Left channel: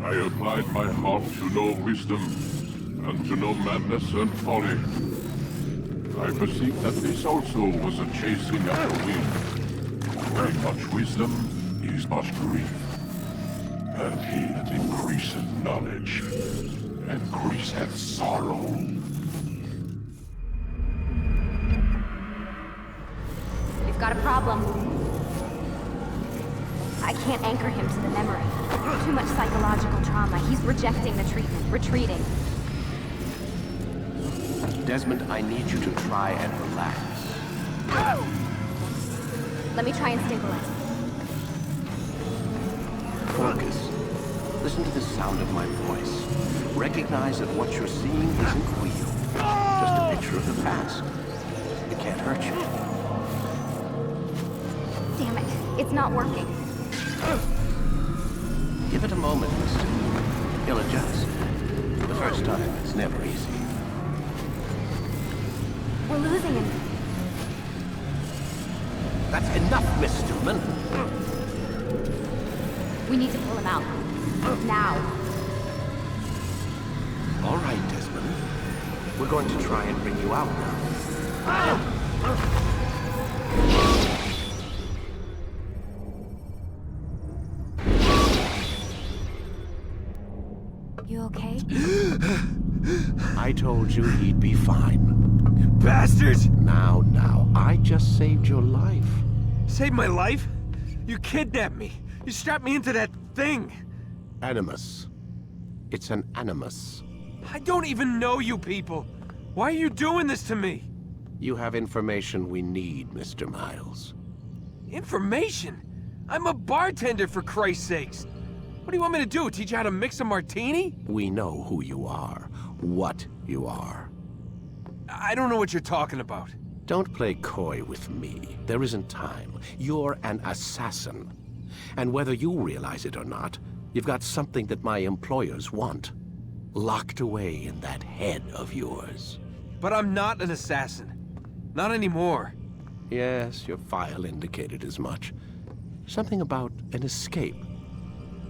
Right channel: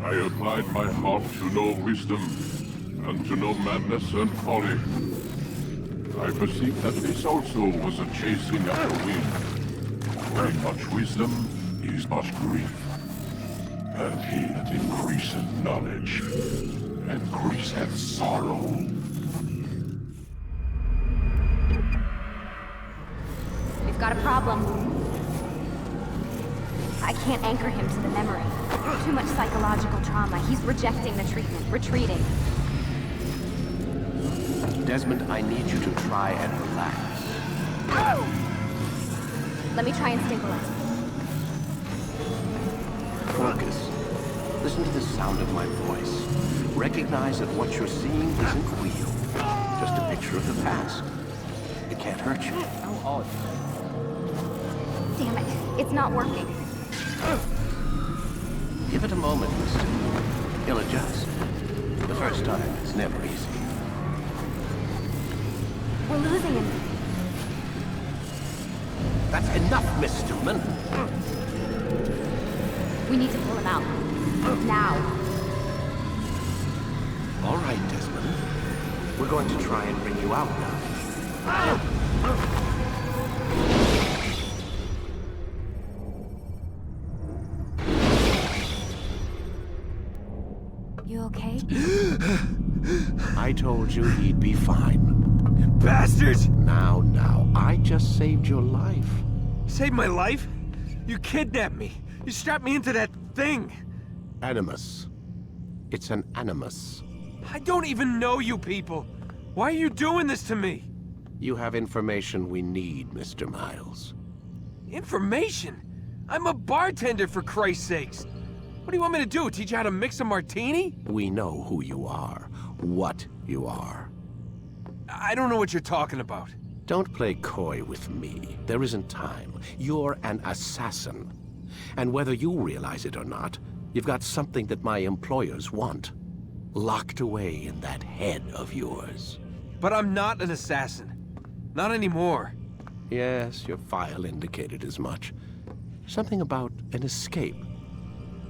I applied my heart to know wisdom, and to know madness and folly. I perceived that this also was a chasing after wind. Where much wisdom is much grief. And he that increaseth knowledge, increaseth sorrow. We've got a problem. I can't anchor him to the memory. Too much psychological trauma. He's rejecting the treatment, retreating. Desmond, I need you to try and relax. Let me try and stabilize him. Focus. Listen to the sound of my voice. Recognize that what you're seeing isn't real. Just a picture of the past. It can't hurt you. Damn it, it's not working. Give it a moment, mister. He'll adjust. The first time is never easy. We're losing him. That's enough, Miss Stillman. We need to pull him out. Now. All right, Desmond. We're going to try and bring you out now. You okay? I told you he'd be fine. Bastards! Now, I just saved your life. Saved my life? You kidnapped me. You strapped me into that thing. Animus. It's an animus. I don't even know you people. Why are you doing this to me? You have information we need, Mr. Miles. Information? I'm a bartender, for Christ's sakes. What do you want me to do? Teach you how to mix a martini? We know who you are, what you are. I don't know what you're talking about. Don't play coy with me. There isn't time. You're an assassin. And whether you realize it or not, you've got something that my employers want. Locked away in that head of yours. But I'm not an assassin. Not anymore. Yes, your file indicated as much. Something about an escape.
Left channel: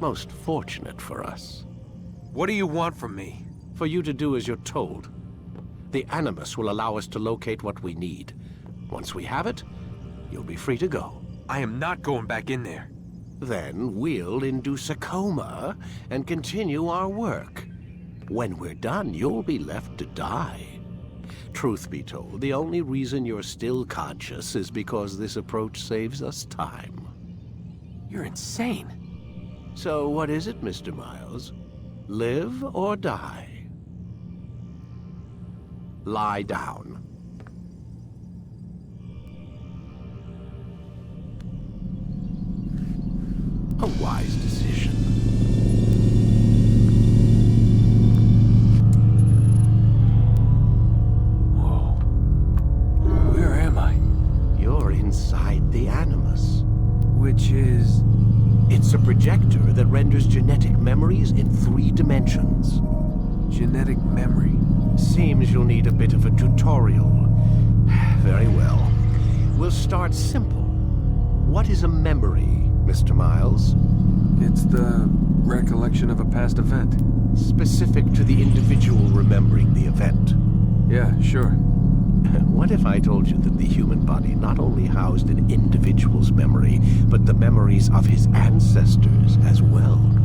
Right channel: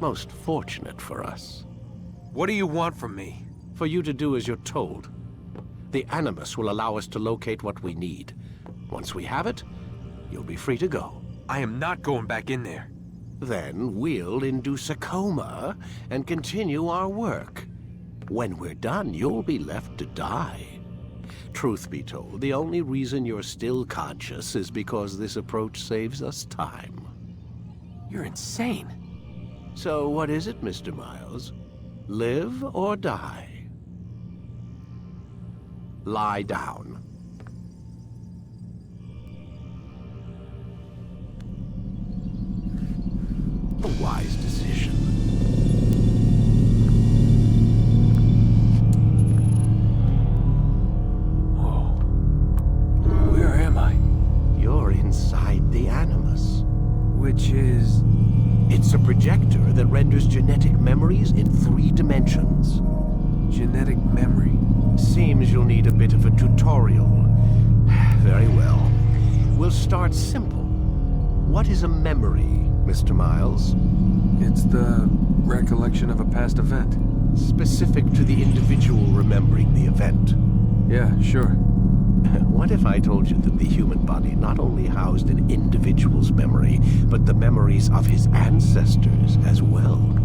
Most fortunate for us. What do you want from me? For you to do as you're told. The Animus will allow us to locate what we need. Once we have it, you'll be free to go. I am not going back in there. Then we'll induce a coma and continue our work. When we're done, you'll be left to die. Truth be told, the only reason you're still conscious is because this approach saves us time. You're insane. So what is it, Mr. Miles? Live or die? Lie down. A wise decision. Whoa. Where am I? You're inside the Animus. Which is... It's a projector that renders genetic memories in 3 dimensions. genetic memory. Seems you'll need a bit of a tutorial. Very well. We'll start simple. What is a memory, Mr. Miles? It's the recollection of a past event. Specific to the individual remembering the event. Yeah, sure. What if I told you that the human body not only housed an individual's memory, but the memories of his ancestors as well?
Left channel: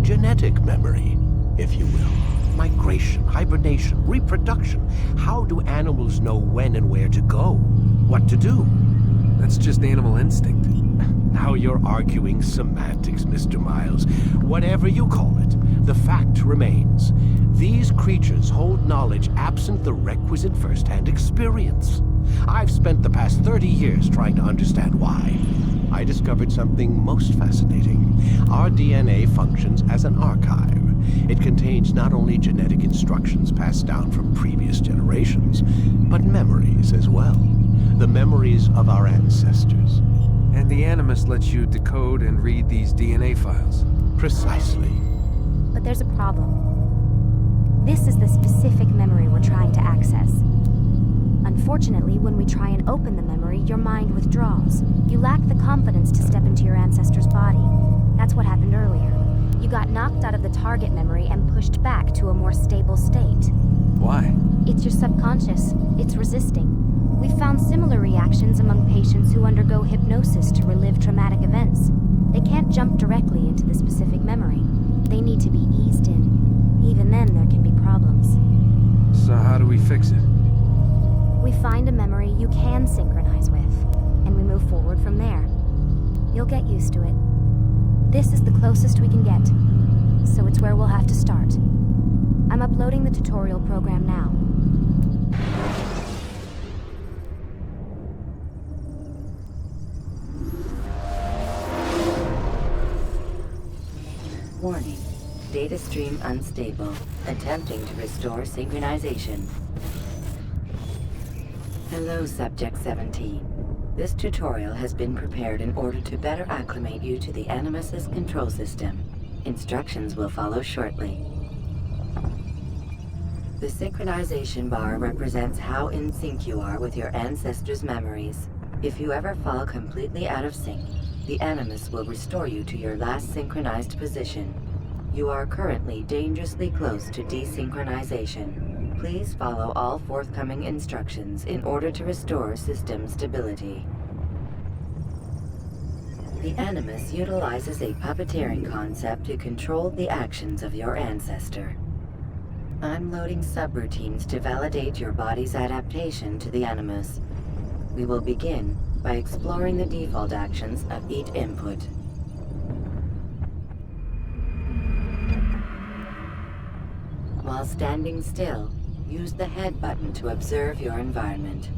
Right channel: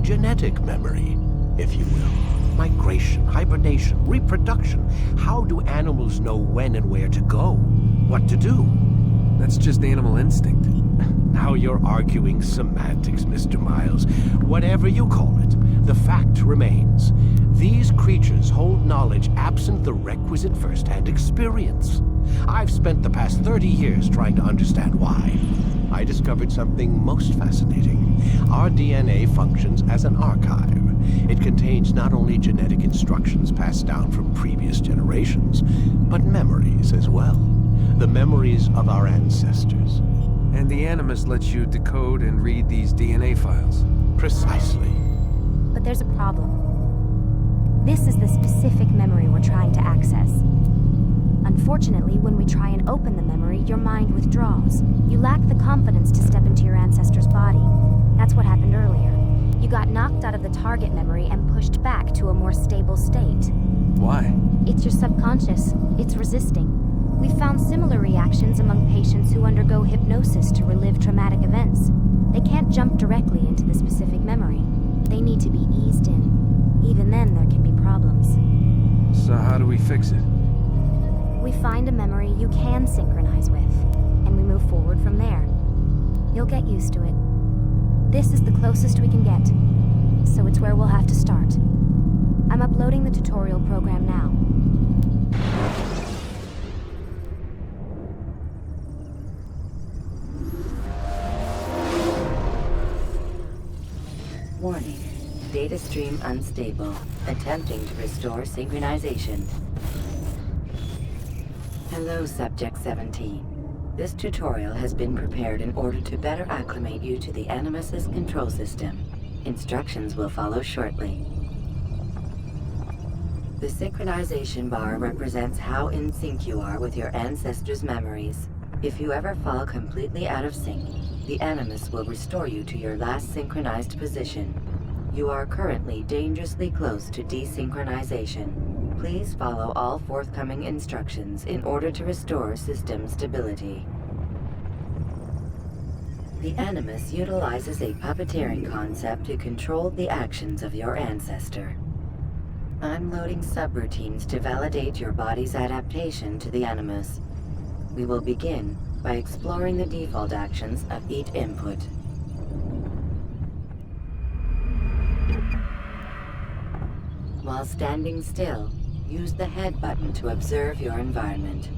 Genetic memory, if you will. Migration, hibernation, reproduction. How do animals know when and where to go? What to do? That's just animal instinct. Now you're arguing semantics, Mr. Miles. Whatever you call it, The fact remains, these creatures hold knowledge absent the requisite first-hand experience. I've spent the past 30 years trying to understand why. I discovered something most fascinating. Our DNA functions as an archive. It contains not only genetic instructions passed down from previous generations, but memories as well. The memories of our ancestors. And the Animus lets you decode and read these DNA files. Precisely. But there's a problem. This is the specific memory we're trying to access. Unfortunately, when we try and open the memory, your mind withdraws. You lack the confidence to step into your ancestor's body. That's what happened earlier. You got knocked out of the target memory and pushed back to a more stable state. Why? It's your subconscious. It's resisting. We've found similar reactions among patients who undergo hypnosis to relive traumatic events. They can't jump directly into the specific memory. They need to be eased in. Even then, there can be problems. So how do we fix it? We find a memory you can synchronize with, and we move forward from there. You'll get used to it. This is the closest we can get, so it's where we'll have to start. I'm uploading the tutorial program now. Warning. Data stream unstable. Attempting to restore synchronization. Hello, Subject 17. This tutorial has been prepared in order to better acclimate you to the Animus's control system. Instructions will follow shortly. The synchronization bar represents how in sync you are with your ancestors' memories. If you ever fall completely out of sync, the Animus will restore you to your last synchronized position. You are currently dangerously close to desynchronization. Please follow all forthcoming instructions in order to restore system stability. The Animus utilizes a puppeteering concept to control the actions of your ancestor. I'm loading subroutines to validate your body's adaptation to the Animus. We will begin by exploring the default actions of each input. While standing still, use the head button to observe your environment.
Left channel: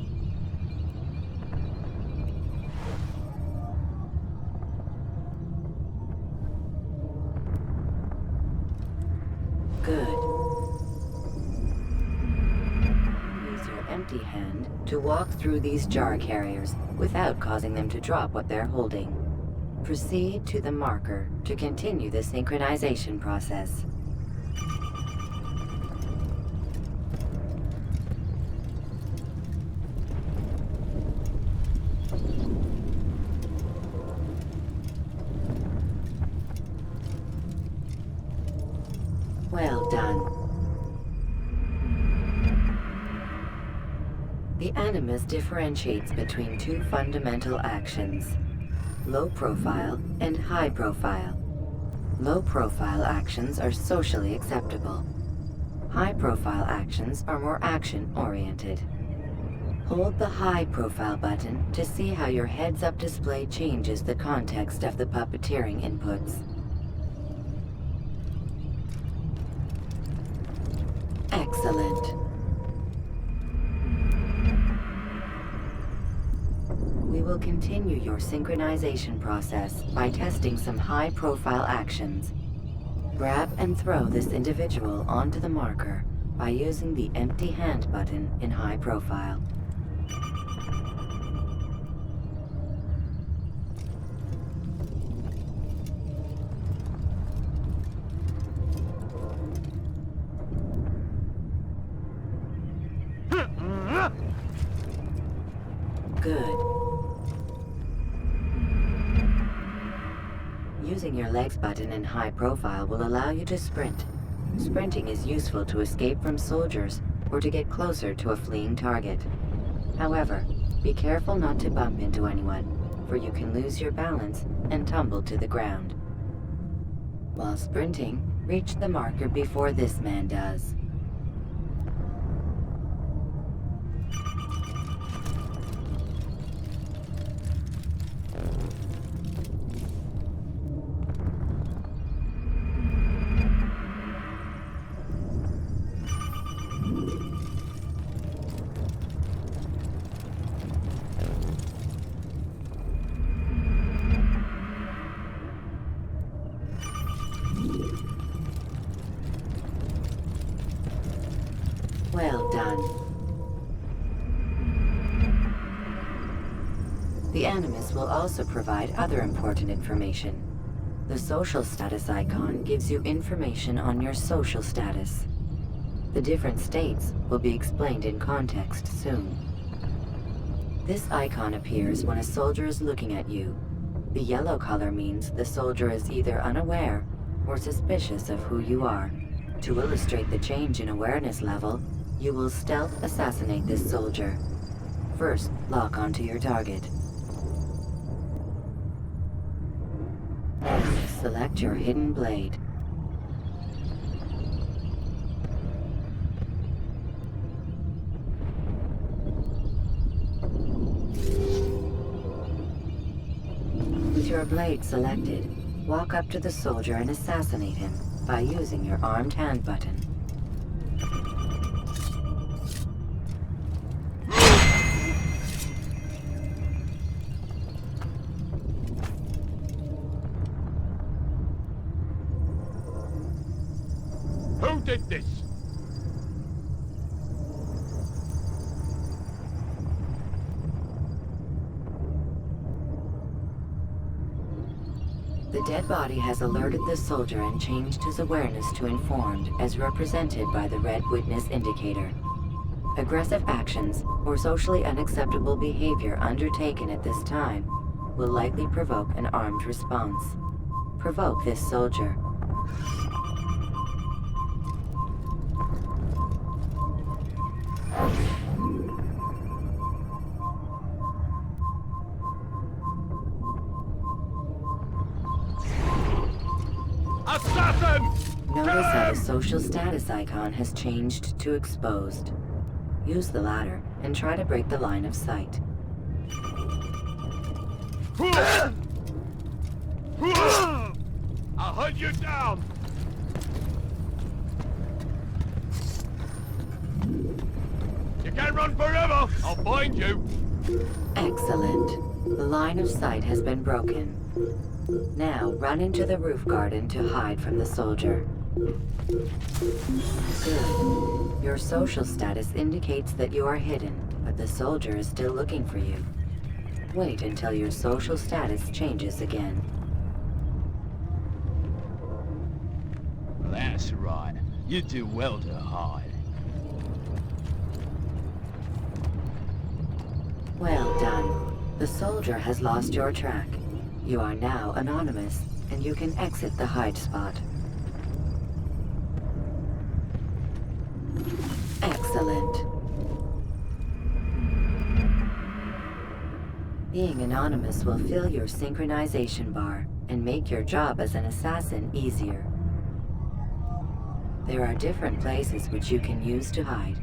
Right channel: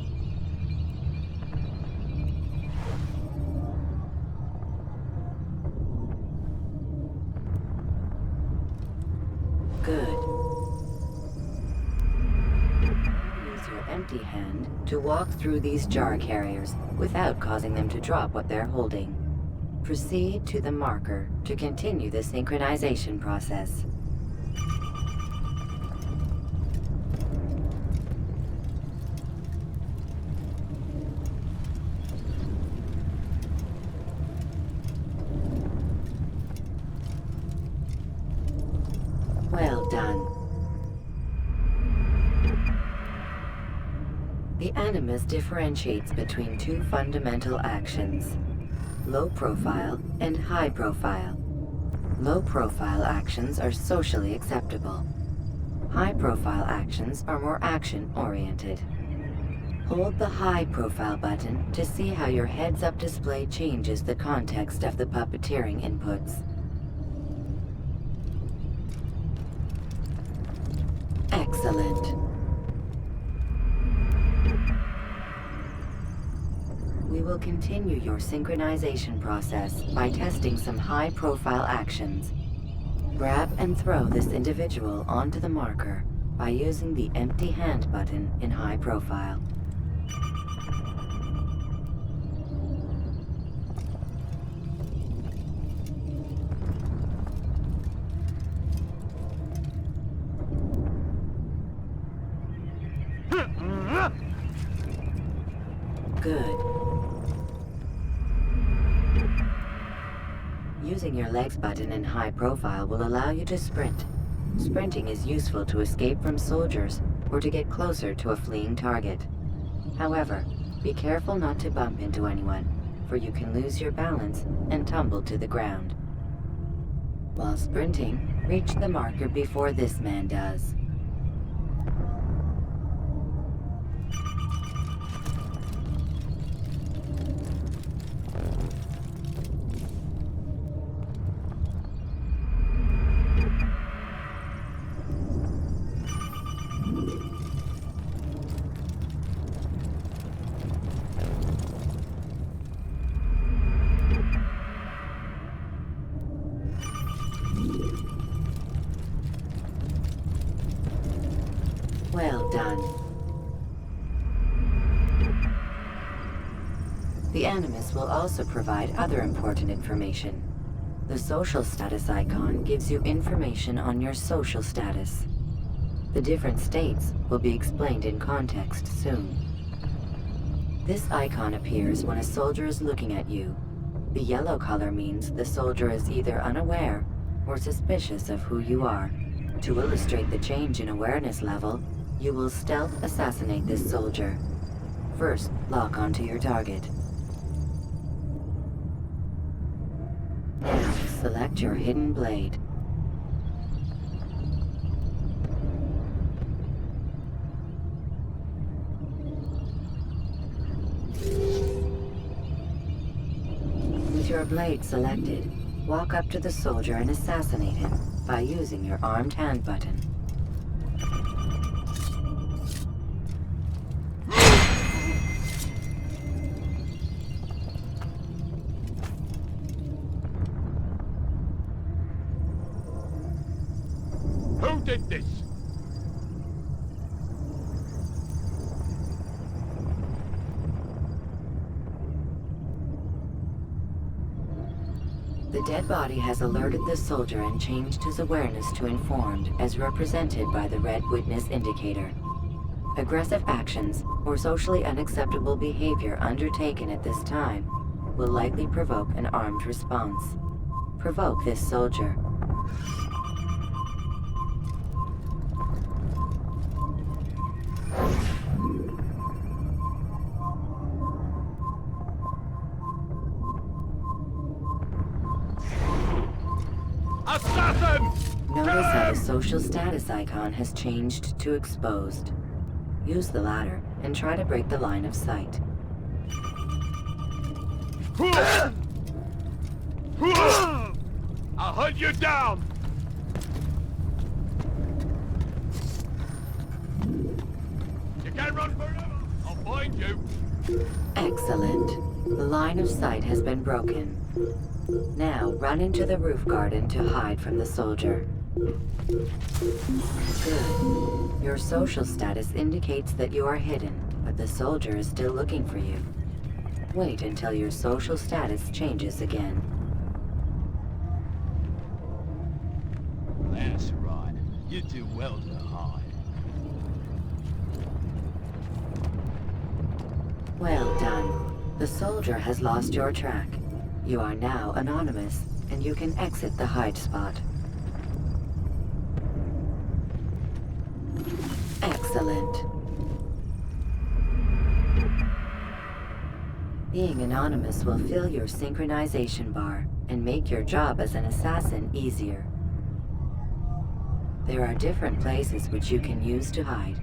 Good. Use your empty hand to walk through these jar carriers without causing them to drop what they're holding. Proceed to the marker to continue the synchronization process. Well done. The Animus differentiates between two fundamental actions: low profile and high profile. Low profile actions are socially acceptable. High profile actions are more action-oriented. Hold the high profile button to see how your heads-up display changes the context of the puppeteering inputs. Excellent. We will continue your synchronization process by testing some high-profile actions. Grab and throw this individual onto the marker by using the empty hand button in high profile. Good. Using your legs button in high profile will allow you to sprint. Sprinting is useful to escape from soldiers or to get closer to a fleeing target. However, be careful not to bump into anyone, for you can lose your balance and tumble to the ground. While sprinting, reach the marker before this man does. Well done. The Animus will also provide other important information. The social status icon gives you information on your social status. The different states will be explained in context soon. This icon appears when a soldier is looking at you. The yellow color means the soldier is either unaware or suspicious of who you are. To illustrate the change in awareness level, you will stealth assassinate this soldier. First, lock onto your target. Now, select your hidden blade. With your blade selected, walk up to the soldier and assassinate him by using your armed hand button. Who did this? The dead body has alerted the soldier and changed his awareness to informed, as represented by the red witness indicator. Aggressive actions or socially unacceptable behavior undertaken at this time will likely provoke an armed response. Provoke this soldier. Assassin! Notice how the social status icon has changed to exposed. Use the ladder and try to break the line of sight. I'll hunt you down! You can't run forever! I'll find you! Excellent. The line of sight has been broken. Now run into the roof garden to hide from the soldier. Good. Your social status indicates that you are hidden, but the soldier is still looking for you. Wait until your social status changes again. That's right. You do well to hide. Well done. The soldier has lost your track. You are now anonymous, and you can exit the hide spot. Excellent. Being anonymous will fill your synchronization bar and make your job as an assassin easier. There are different places which you can use to hide.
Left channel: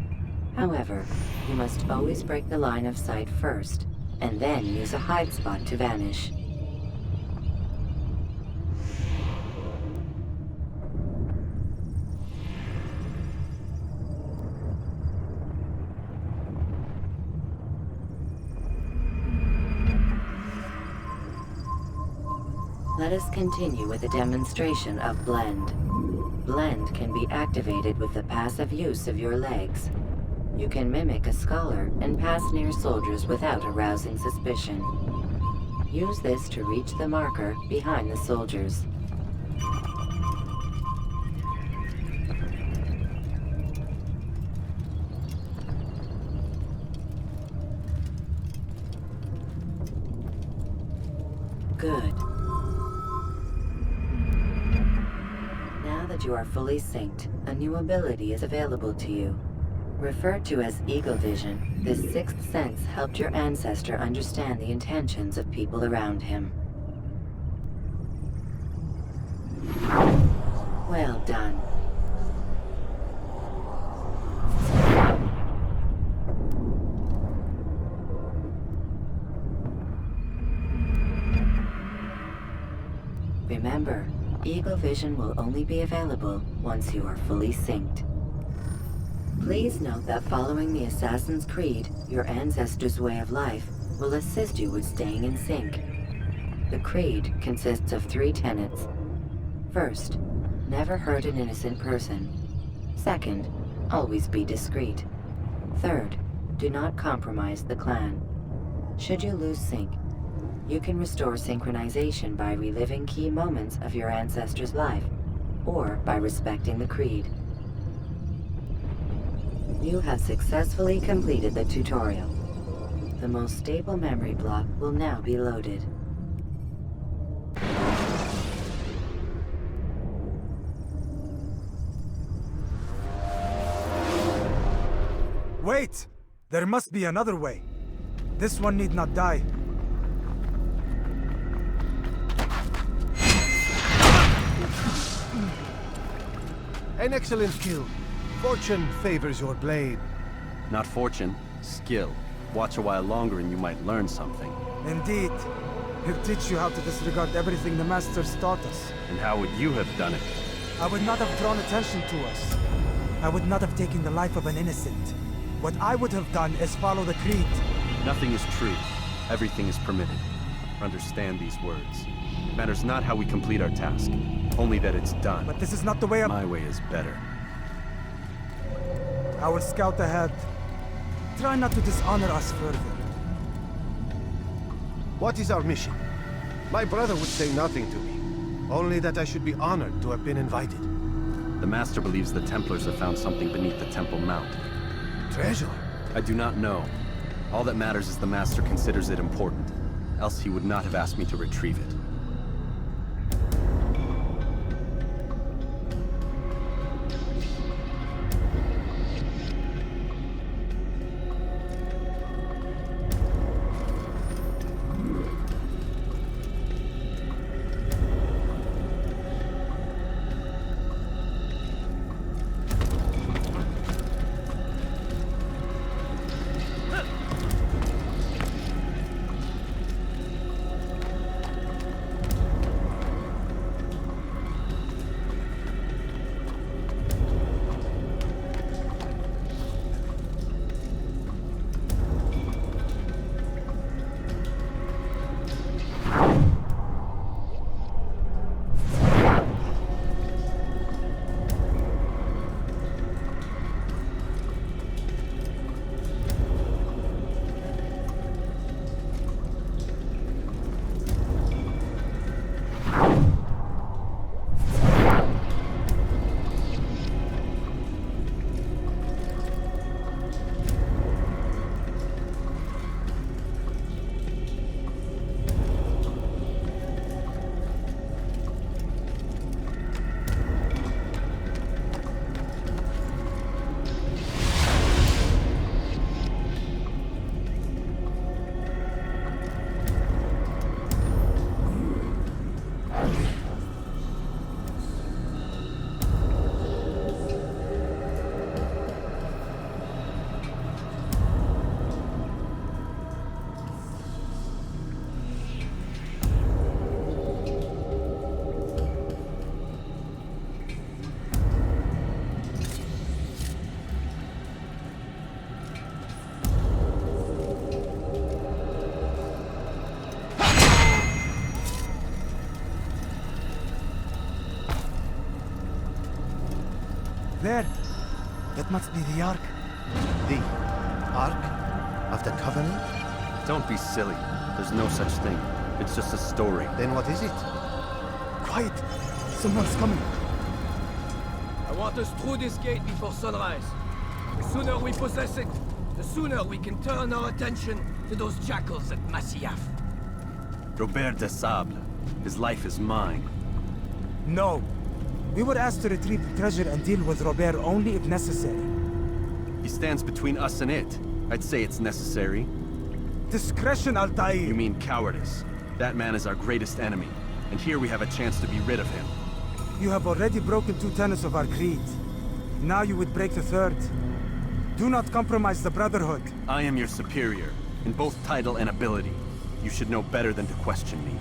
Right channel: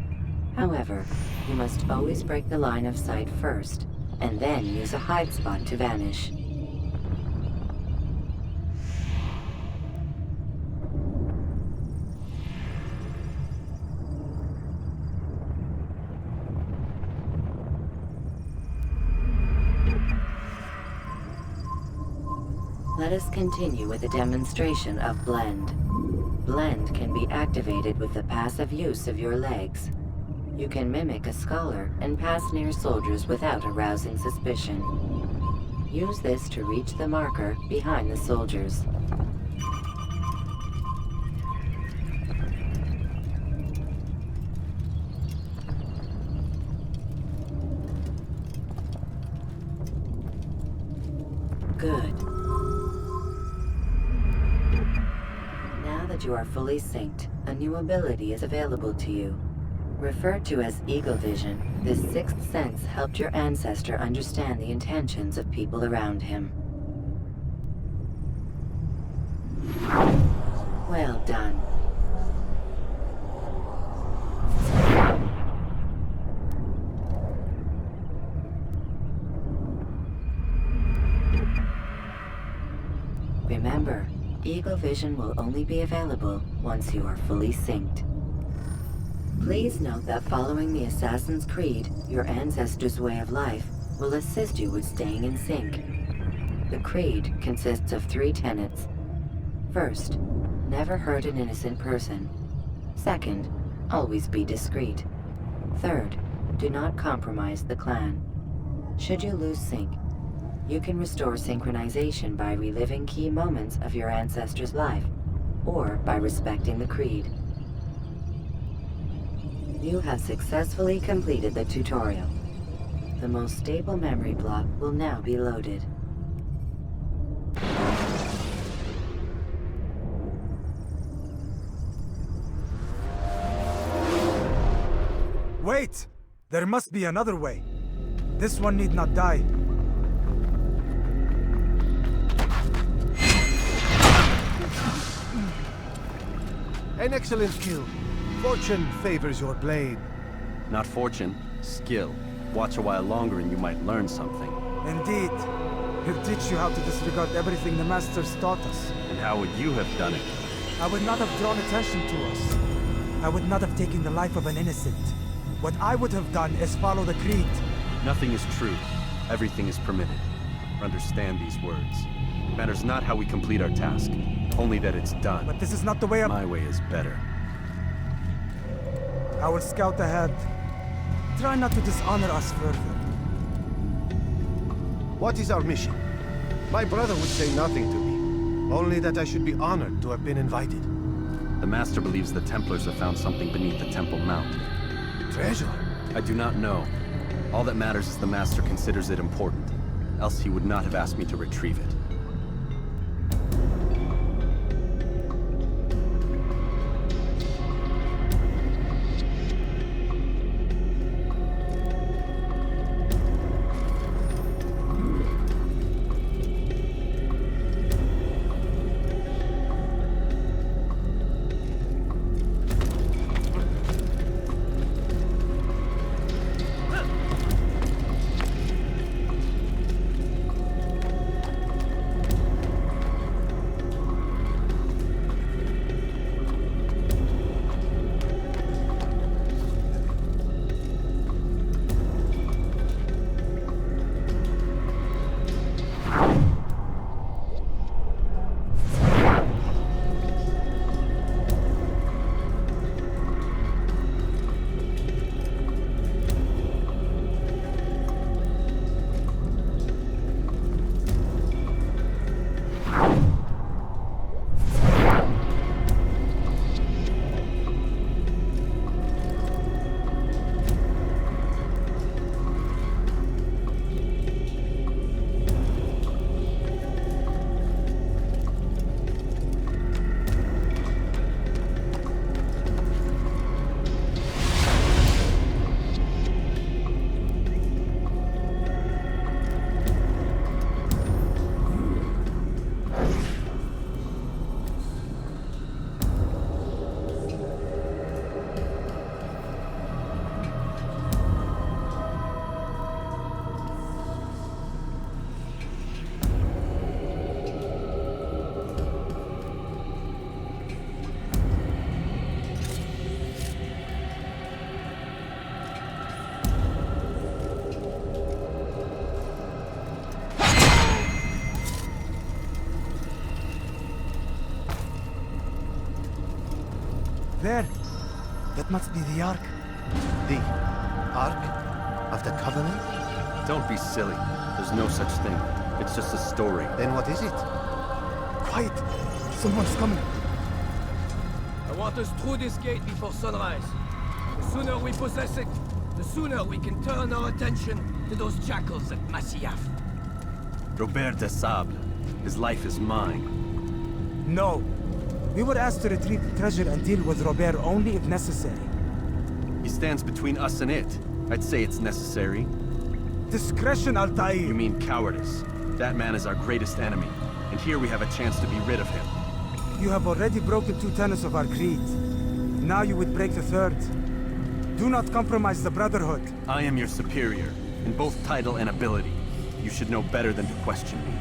However, you must always break the line of sight first, and then use a hide spot to vanish. Let us continue with a demonstration of Blend. Blend can be activated with the passive use of your legs. You can mimic a scholar and pass near soldiers without arousing suspicion. Use this to reach the marker behind the soldiers. Good. Now that you are fully synced, a new ability is available to you. Referred to as Eagle Vision, this sixth sense helped your ancestor understand the intentions of people around him. Well done. Remember, Eagle Vision will only be available once you are fully synced. Please note that following the Assassin's Creed, your ancestors' way of life will assist you with staying in sync. The Creed consists of 3 tenets. First, never hurt an innocent person. Second, Always be discreet. Third, do not compromise the clan. Should you lose sync, you can restore synchronization by reliving key moments of your ancestor's life, or by respecting the creed. You have successfully completed the tutorial. The most stable memory block will now be loaded. Wait! There must be another way. This one need not die. An excellent kill. Fortune favors your blade. Not fortune, skill. Watch a while longer and you might learn something. Indeed. He'll teach you how to disregard everything the Masters taught us. And how would you have done it? I would not have drawn attention to us. I would not have taken the life of an innocent. What I would have done is follow the creed. Nothing is true. Everything is permitted. Understand these words. It matters not how we complete our task, only that it's done. But this is not the way My way is better. I will scout ahead. Try not to dishonor us further. What is our mission? My brother would say nothing to me. Only that I should be honored to have been invited. The Master believes the Templars have found something beneath the Temple Mount. Treasure? I do not know. All that matters is the Master considers it important. Else he would not have asked me to retrieve it. There. That must be the Ark. The Ark of the Covenant? Don't be silly. There's no such thing. It's just a story. Then what is it? Quiet. Someone's coming. I want us through this gate before sunrise. The sooner we possess it, the sooner we can turn our attention to those jackals at Masyaf. Robert de Sable. His life is mine. No. We were asked to retrieve the treasure and deal with Robert only if necessary. He stands between us and it. I'd say it's necessary. Discretion, Altair! You mean cowardice. That man is our greatest enemy, and here we have a chance to be rid of him. You have already broken 2 tenets of our creed. Now you would break the 3rd. Do not compromise the Brotherhood. I am your superior, in both title and ability. You should know better than to question me.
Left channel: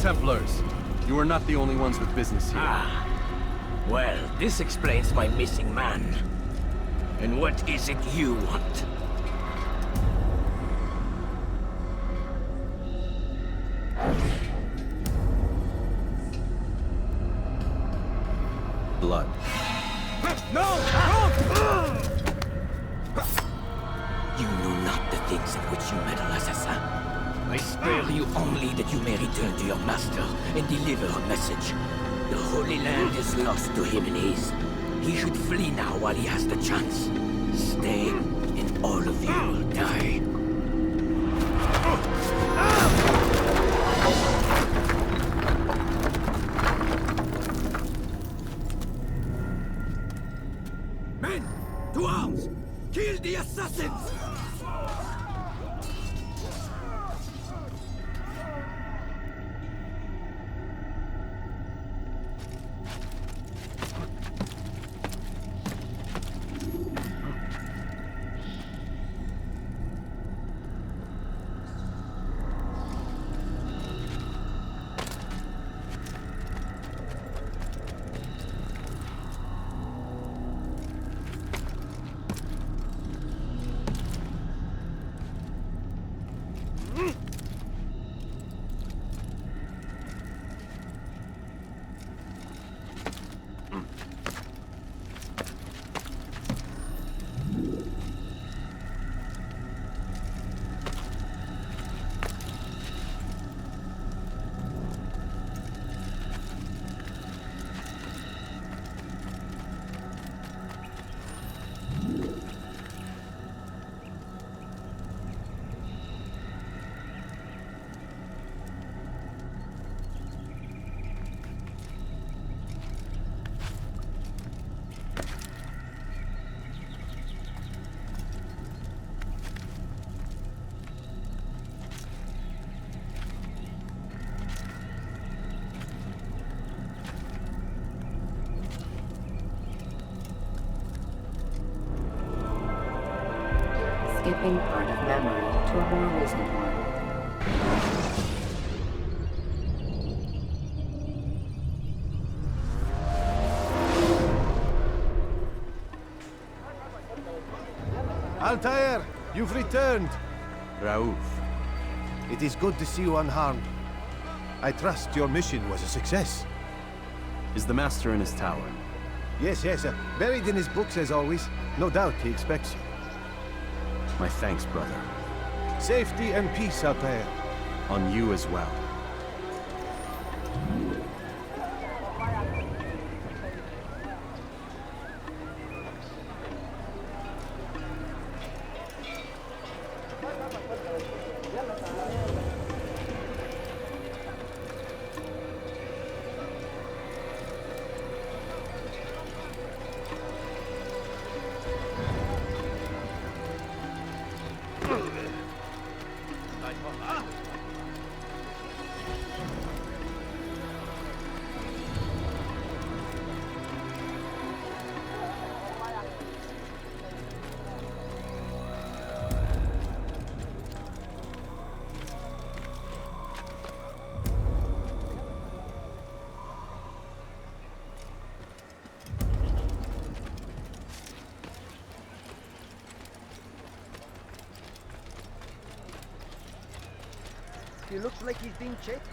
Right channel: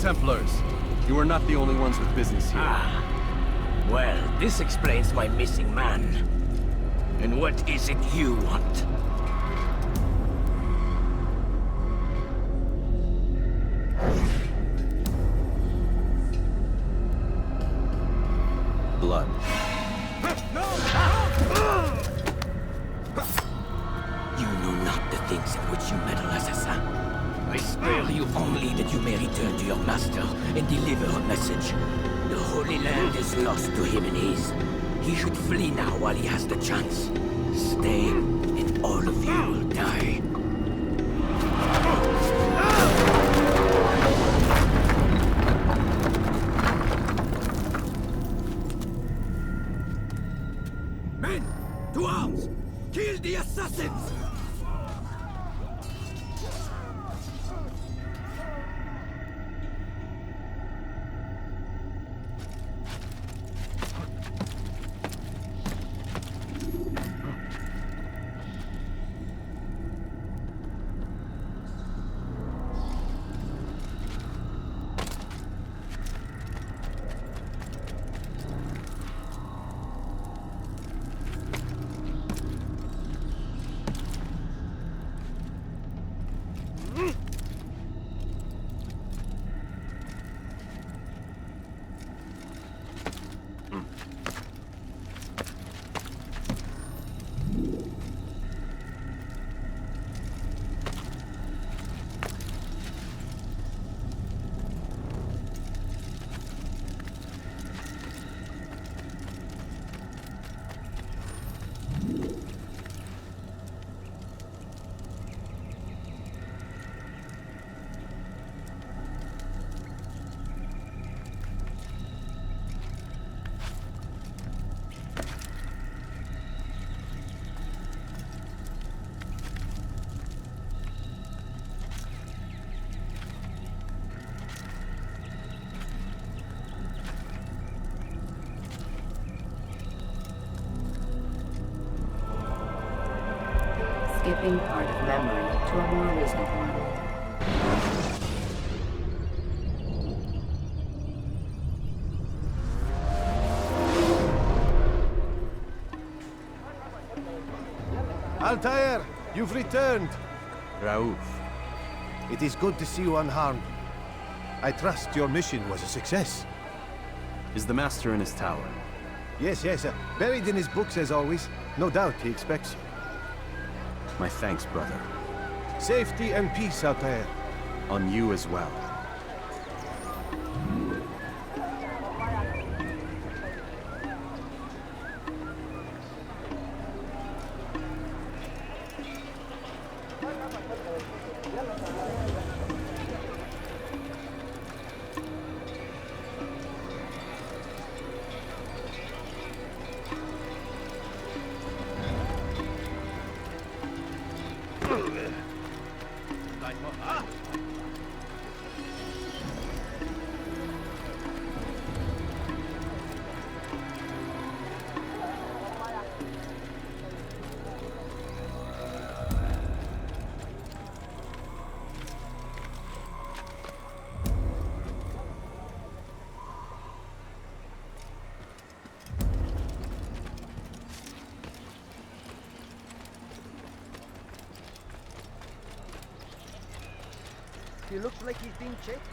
Templars. You are not the only ones with business here. Ah. Well, this explains my missing man. And what is it you want? Blood. No! You know not the things in which you meddle, assassin. I spare you only that you may return to your master and deliver a message. The Holy Land is lost to him and his. He should flee now while he has the chance. Stay, and all of you will die. Men! To arms! Kill the assassins! Skipping part of memory to a more recent one. Altair, you've returned. Rauf. It is good to see you unharmed. I trust your mission was a success. Is the Master in his tower? Yes, buried in his books as always. No doubt he expects you. My thanks, brother. Safety and peace, Altair. On you as well. He looks like he's being checked.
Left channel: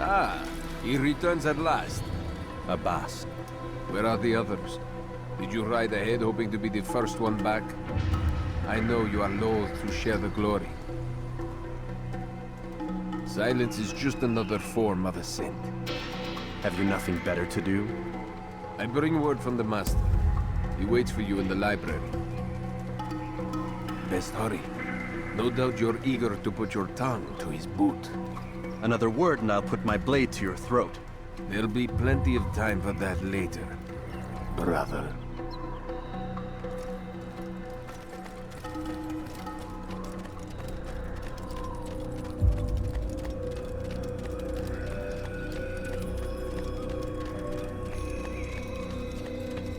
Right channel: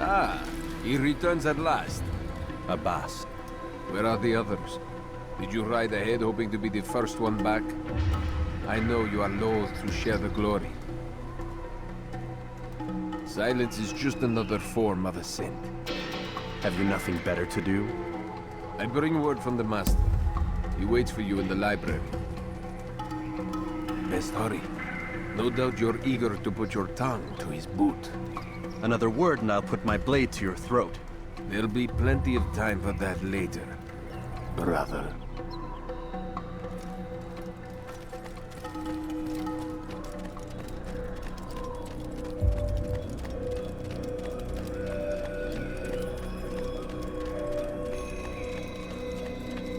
Ah, he returns at last. Abbas. Where are the others? Did you ride ahead hoping to be the first one back? I know you are loath to share the glory. Silence is just another form of assent. Have you nothing better to do? I bring word from the Master. He waits for you in the library. Best hurry. No doubt you're eager to put your tongue to his boot. Another word and I'll put my blade to your throat. There'll be plenty of time for that later, brother.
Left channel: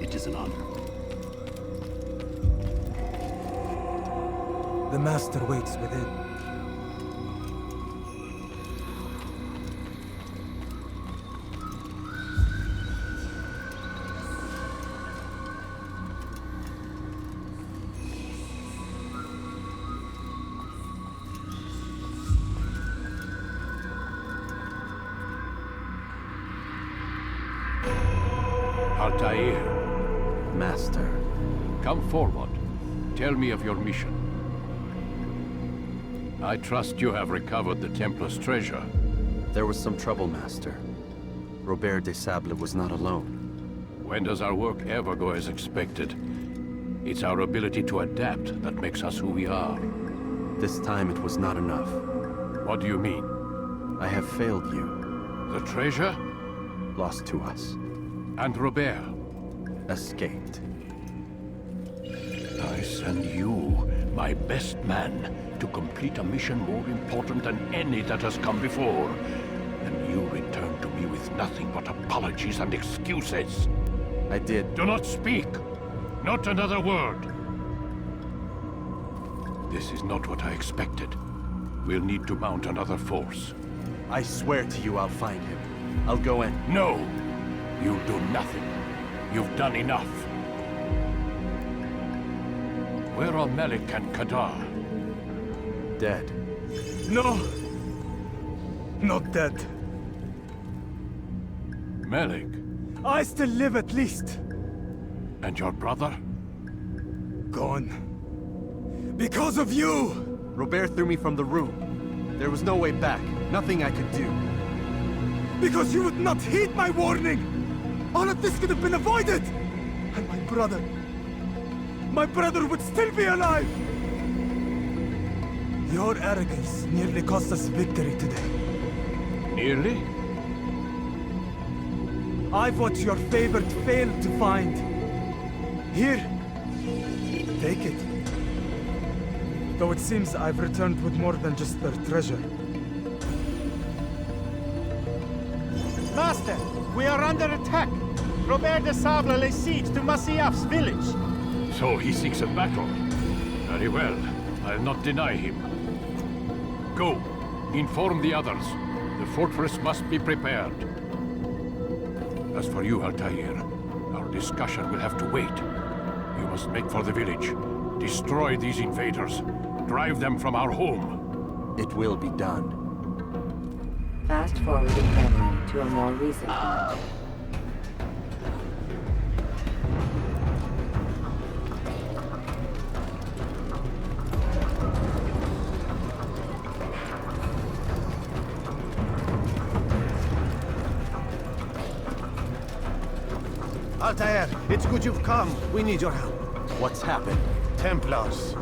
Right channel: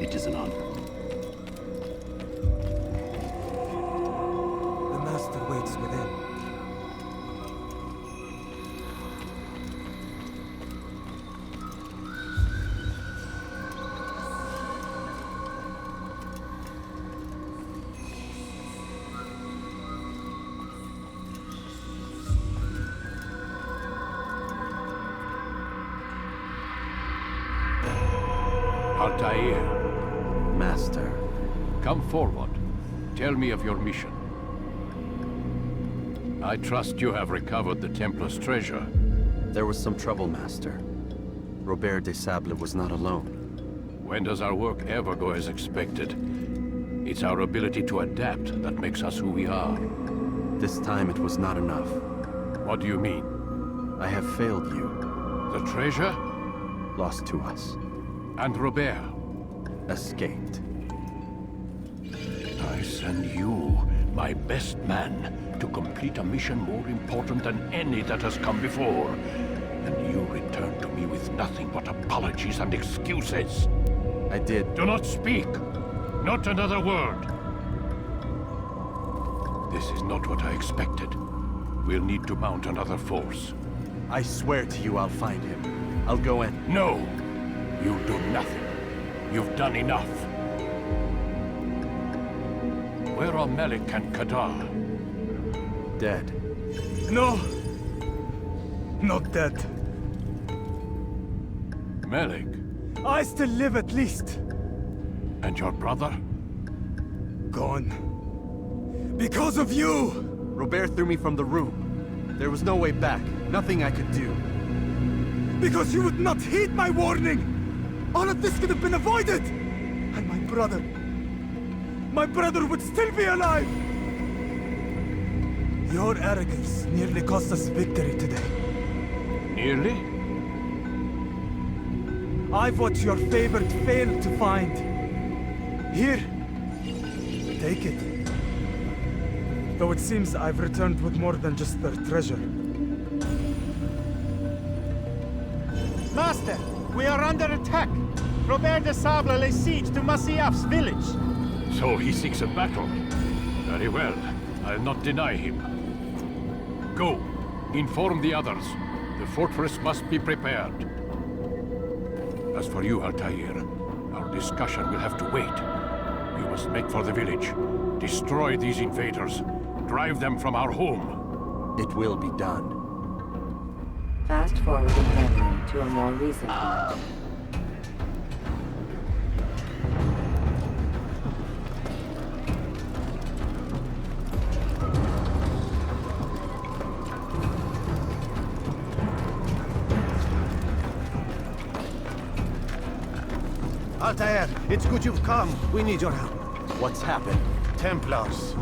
It is an honor. The Master waits within. Altair, Master. come forward. Tell me of your mission. I trust you have recovered the Templar's treasure. There was some trouble, Master. d.e.b.r.a.j was not alone. When does our work ever go as expected? It's our ability to adapt that makes us who we are. This time it was not enough. What do you mean? I have failed you. The treasure? Lost to us. And Robert? Escaped. I send you, my best man, to complete a mission more important than any that has come before. And you return to me with nothing but apologies and excuses. I did. Do not speak! Not another word! This is not what I expected. We'll need to mount another force. I swear to you I'll find him. I'll go in. No! You'll do nothing. You've done enough. Where are Melik and Kadar? Dead. No! Not dead. Melik? I still live at least. And your brother? Gone. Because of you! Robert threw me from the room. There was no way back. Nothing I could do. Because you would not heed my warning! All of this could have been avoided! And my brother would still be alive! Your arrogance nearly cost us victory today. Nearly? I've what your favorite failed to find. Here, take it. Though it seems I've returned with more than just their treasure. Master, we are under attack. d.e.b.r.a.j lays siege to Masyaf's village. So he seeks a battle. Very well. I'll not deny him. Go. Inform the others. The fortress must be prepared. As for you, Altair, our discussion will have to wait. You must make for the village. Destroy these invaders. Drive them from our home. It will be done. Fast-forwarding memory to a more recent one. Altair, it's good you've come. We need your help. What's happened? Templars.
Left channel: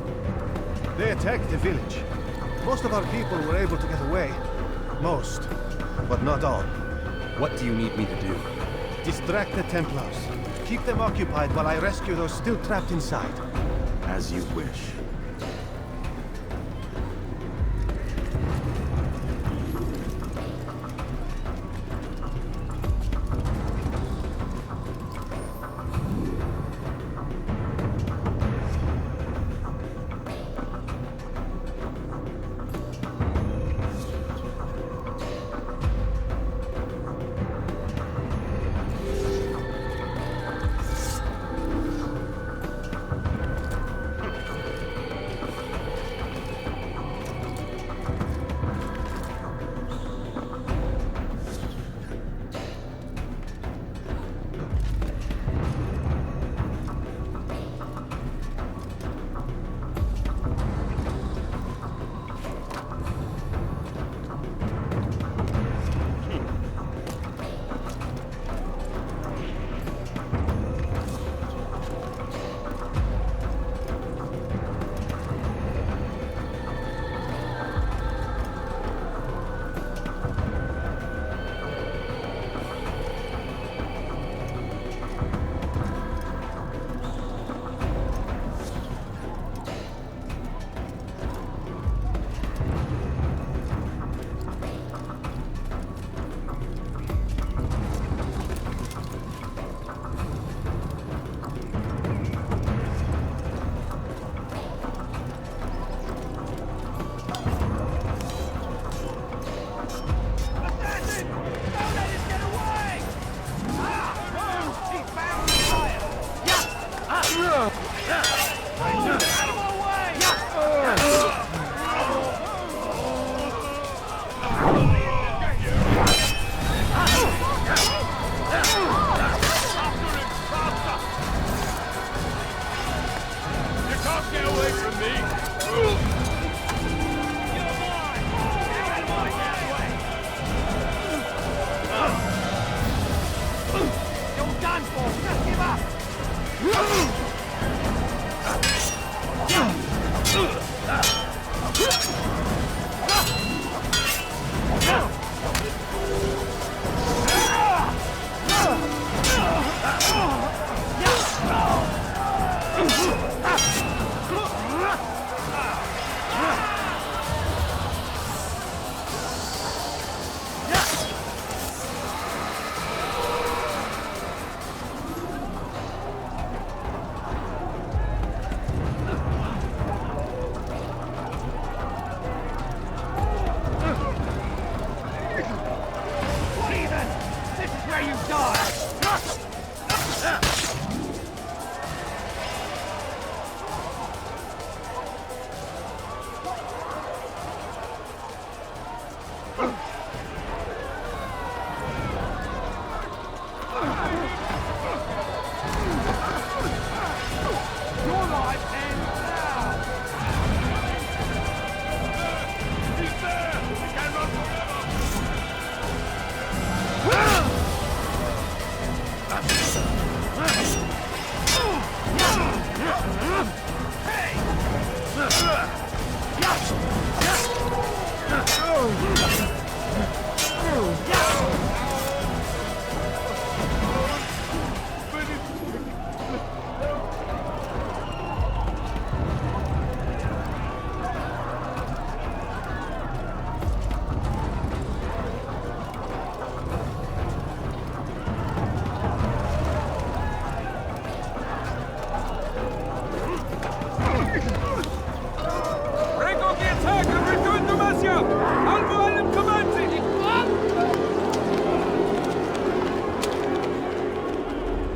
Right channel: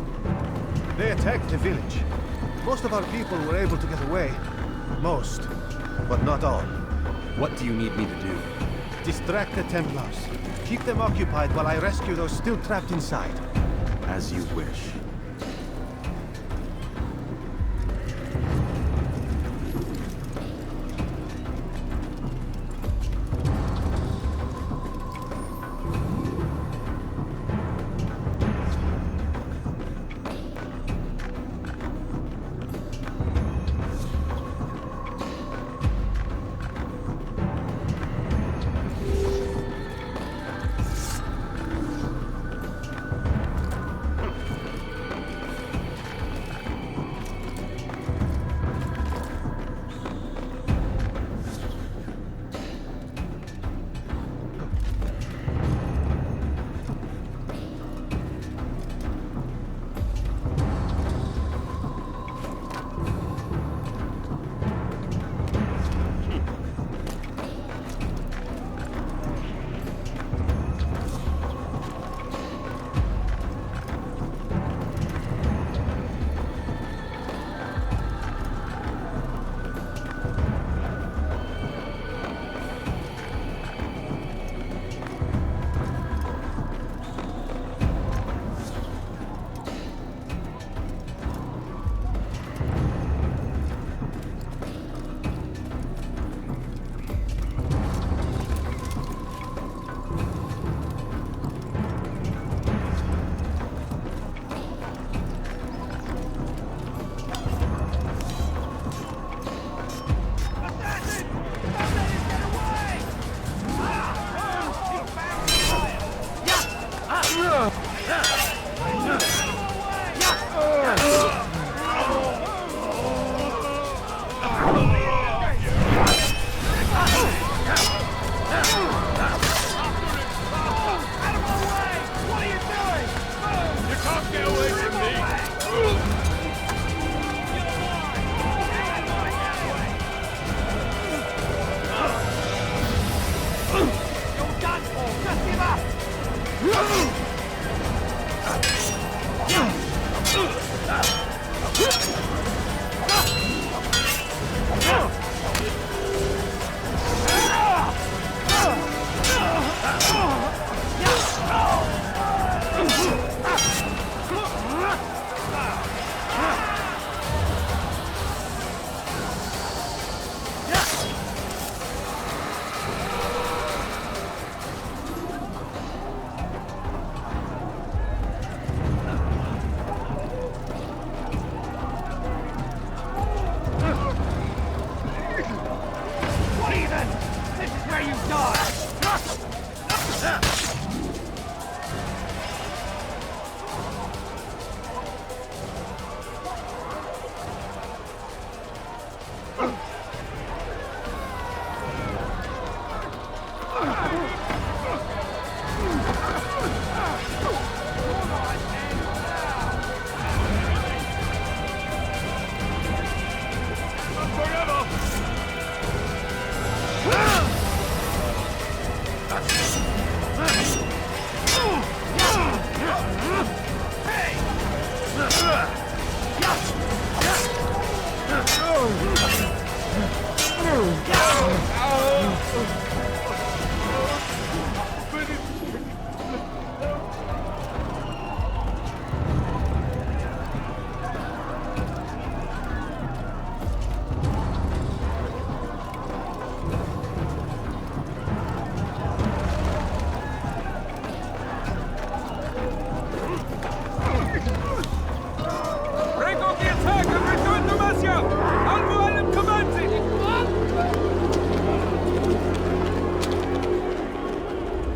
They attacked the village. Most of our people were able to get away. Most, but not all. What do you need me to do? Distract the Templars. Keep them occupied while I rescue those still trapped inside. As you wish.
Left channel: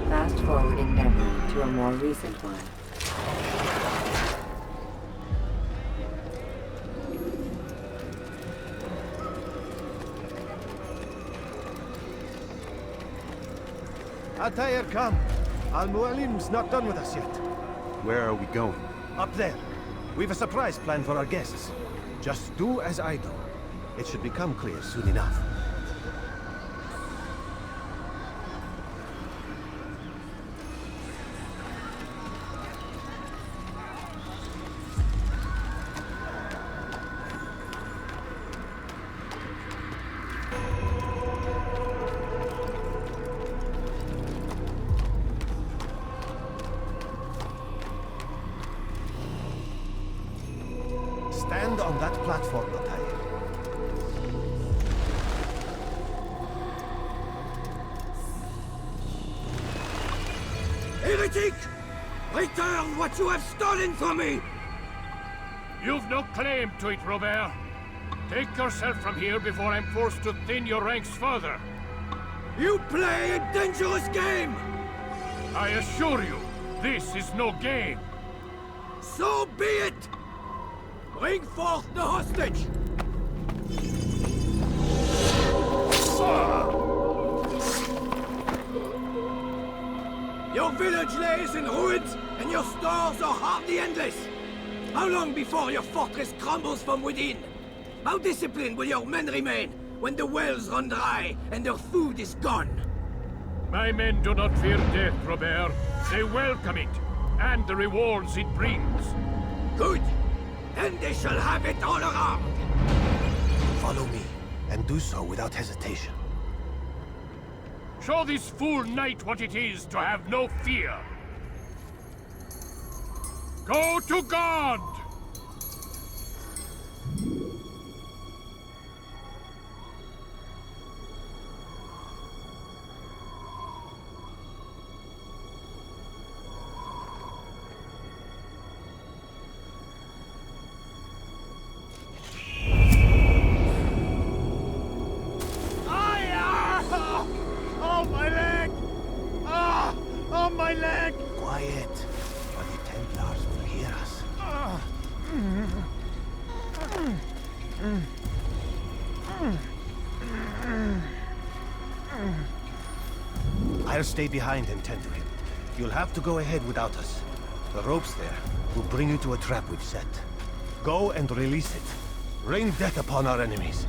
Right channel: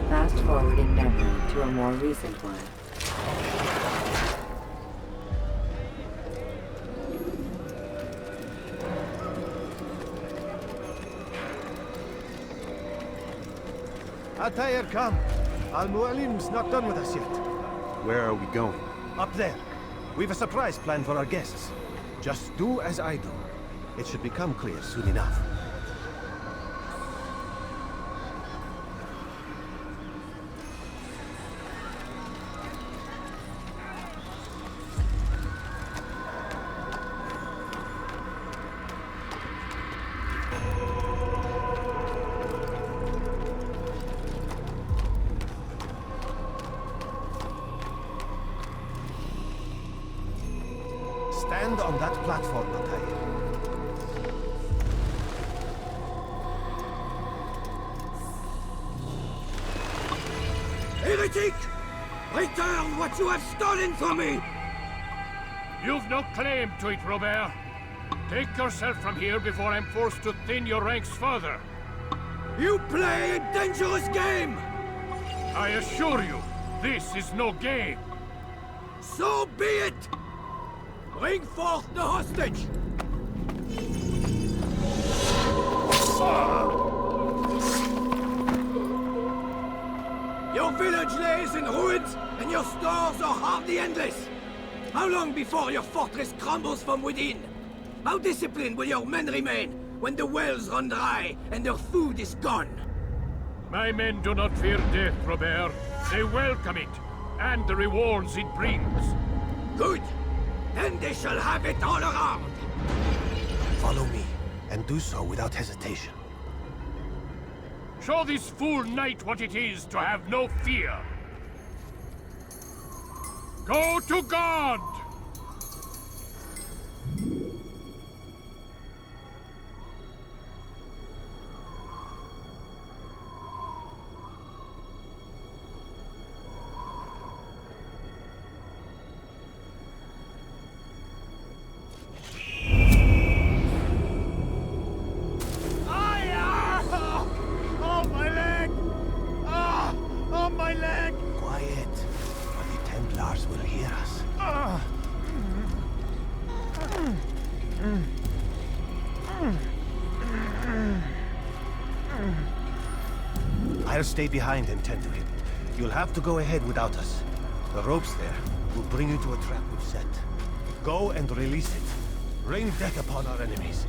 Fast forwarding memory to a more recent one. Altair, come. Al-Mualim's not done with us yet. Where are we going? Up there. We've a surprise plan for our guests. Just do as I do. It should become clear soon enough. Stand on that platform, Altair. Heretic! Return what you have stolen from me! You've no claim to it, Robert. Take yourself from here before I'm forced to thin your ranks further. You play a dangerous game! I assure you, this is no game. So be it! Bring forth the hostage! Your village lays in ruins, and your stores are hardly endless. How long before your fortress crumbles from within? How disciplined will your men remain when the wells run dry and their food is gone? My men do not fear death, Robert. They welcome it, and the rewards it brings. Good. Then they shall have it all around. Follow me, and do so without hesitation. Show this fool knight what it is to have no fear. Go to God! Quiet, or the Templars will hear us. I'll stay behind and tend to him. You'll have to go ahead without us. The ropes there will bring you to a trap we've set. Go and release it. Rain death upon our enemies.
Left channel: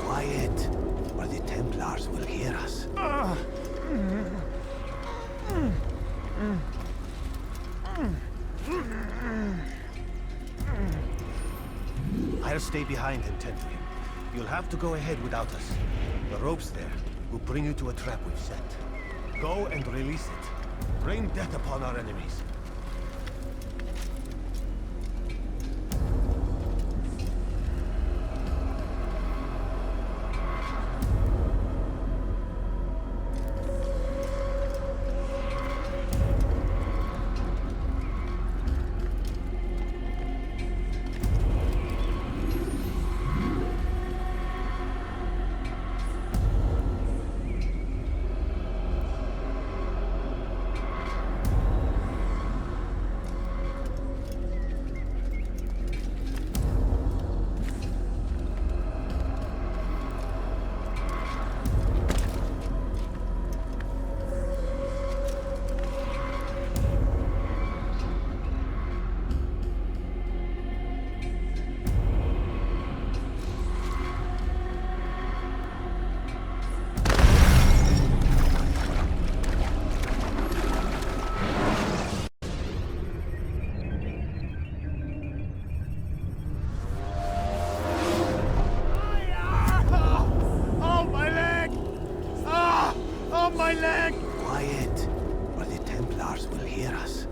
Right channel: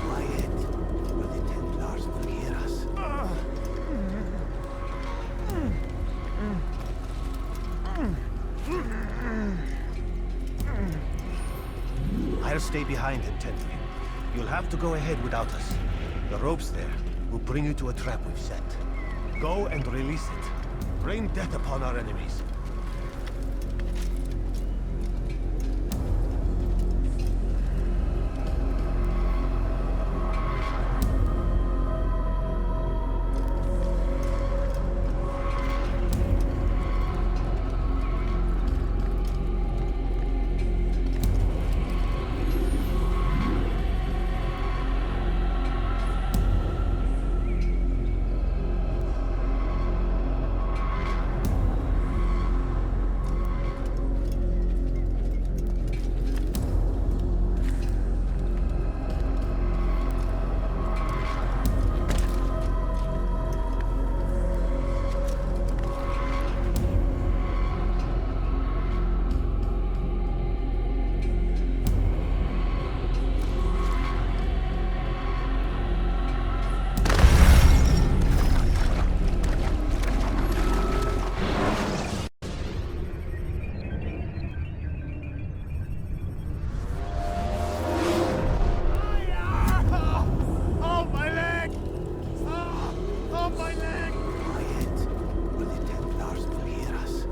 Quiet, or the Templars will hear us. I'll stay behind and tend to him. You'll have to go ahead without us. The ropes there will bring you to a trap we've set. Go and release it. Rain death upon our enemies. on my leg! Quiet, or the Templars will hear us.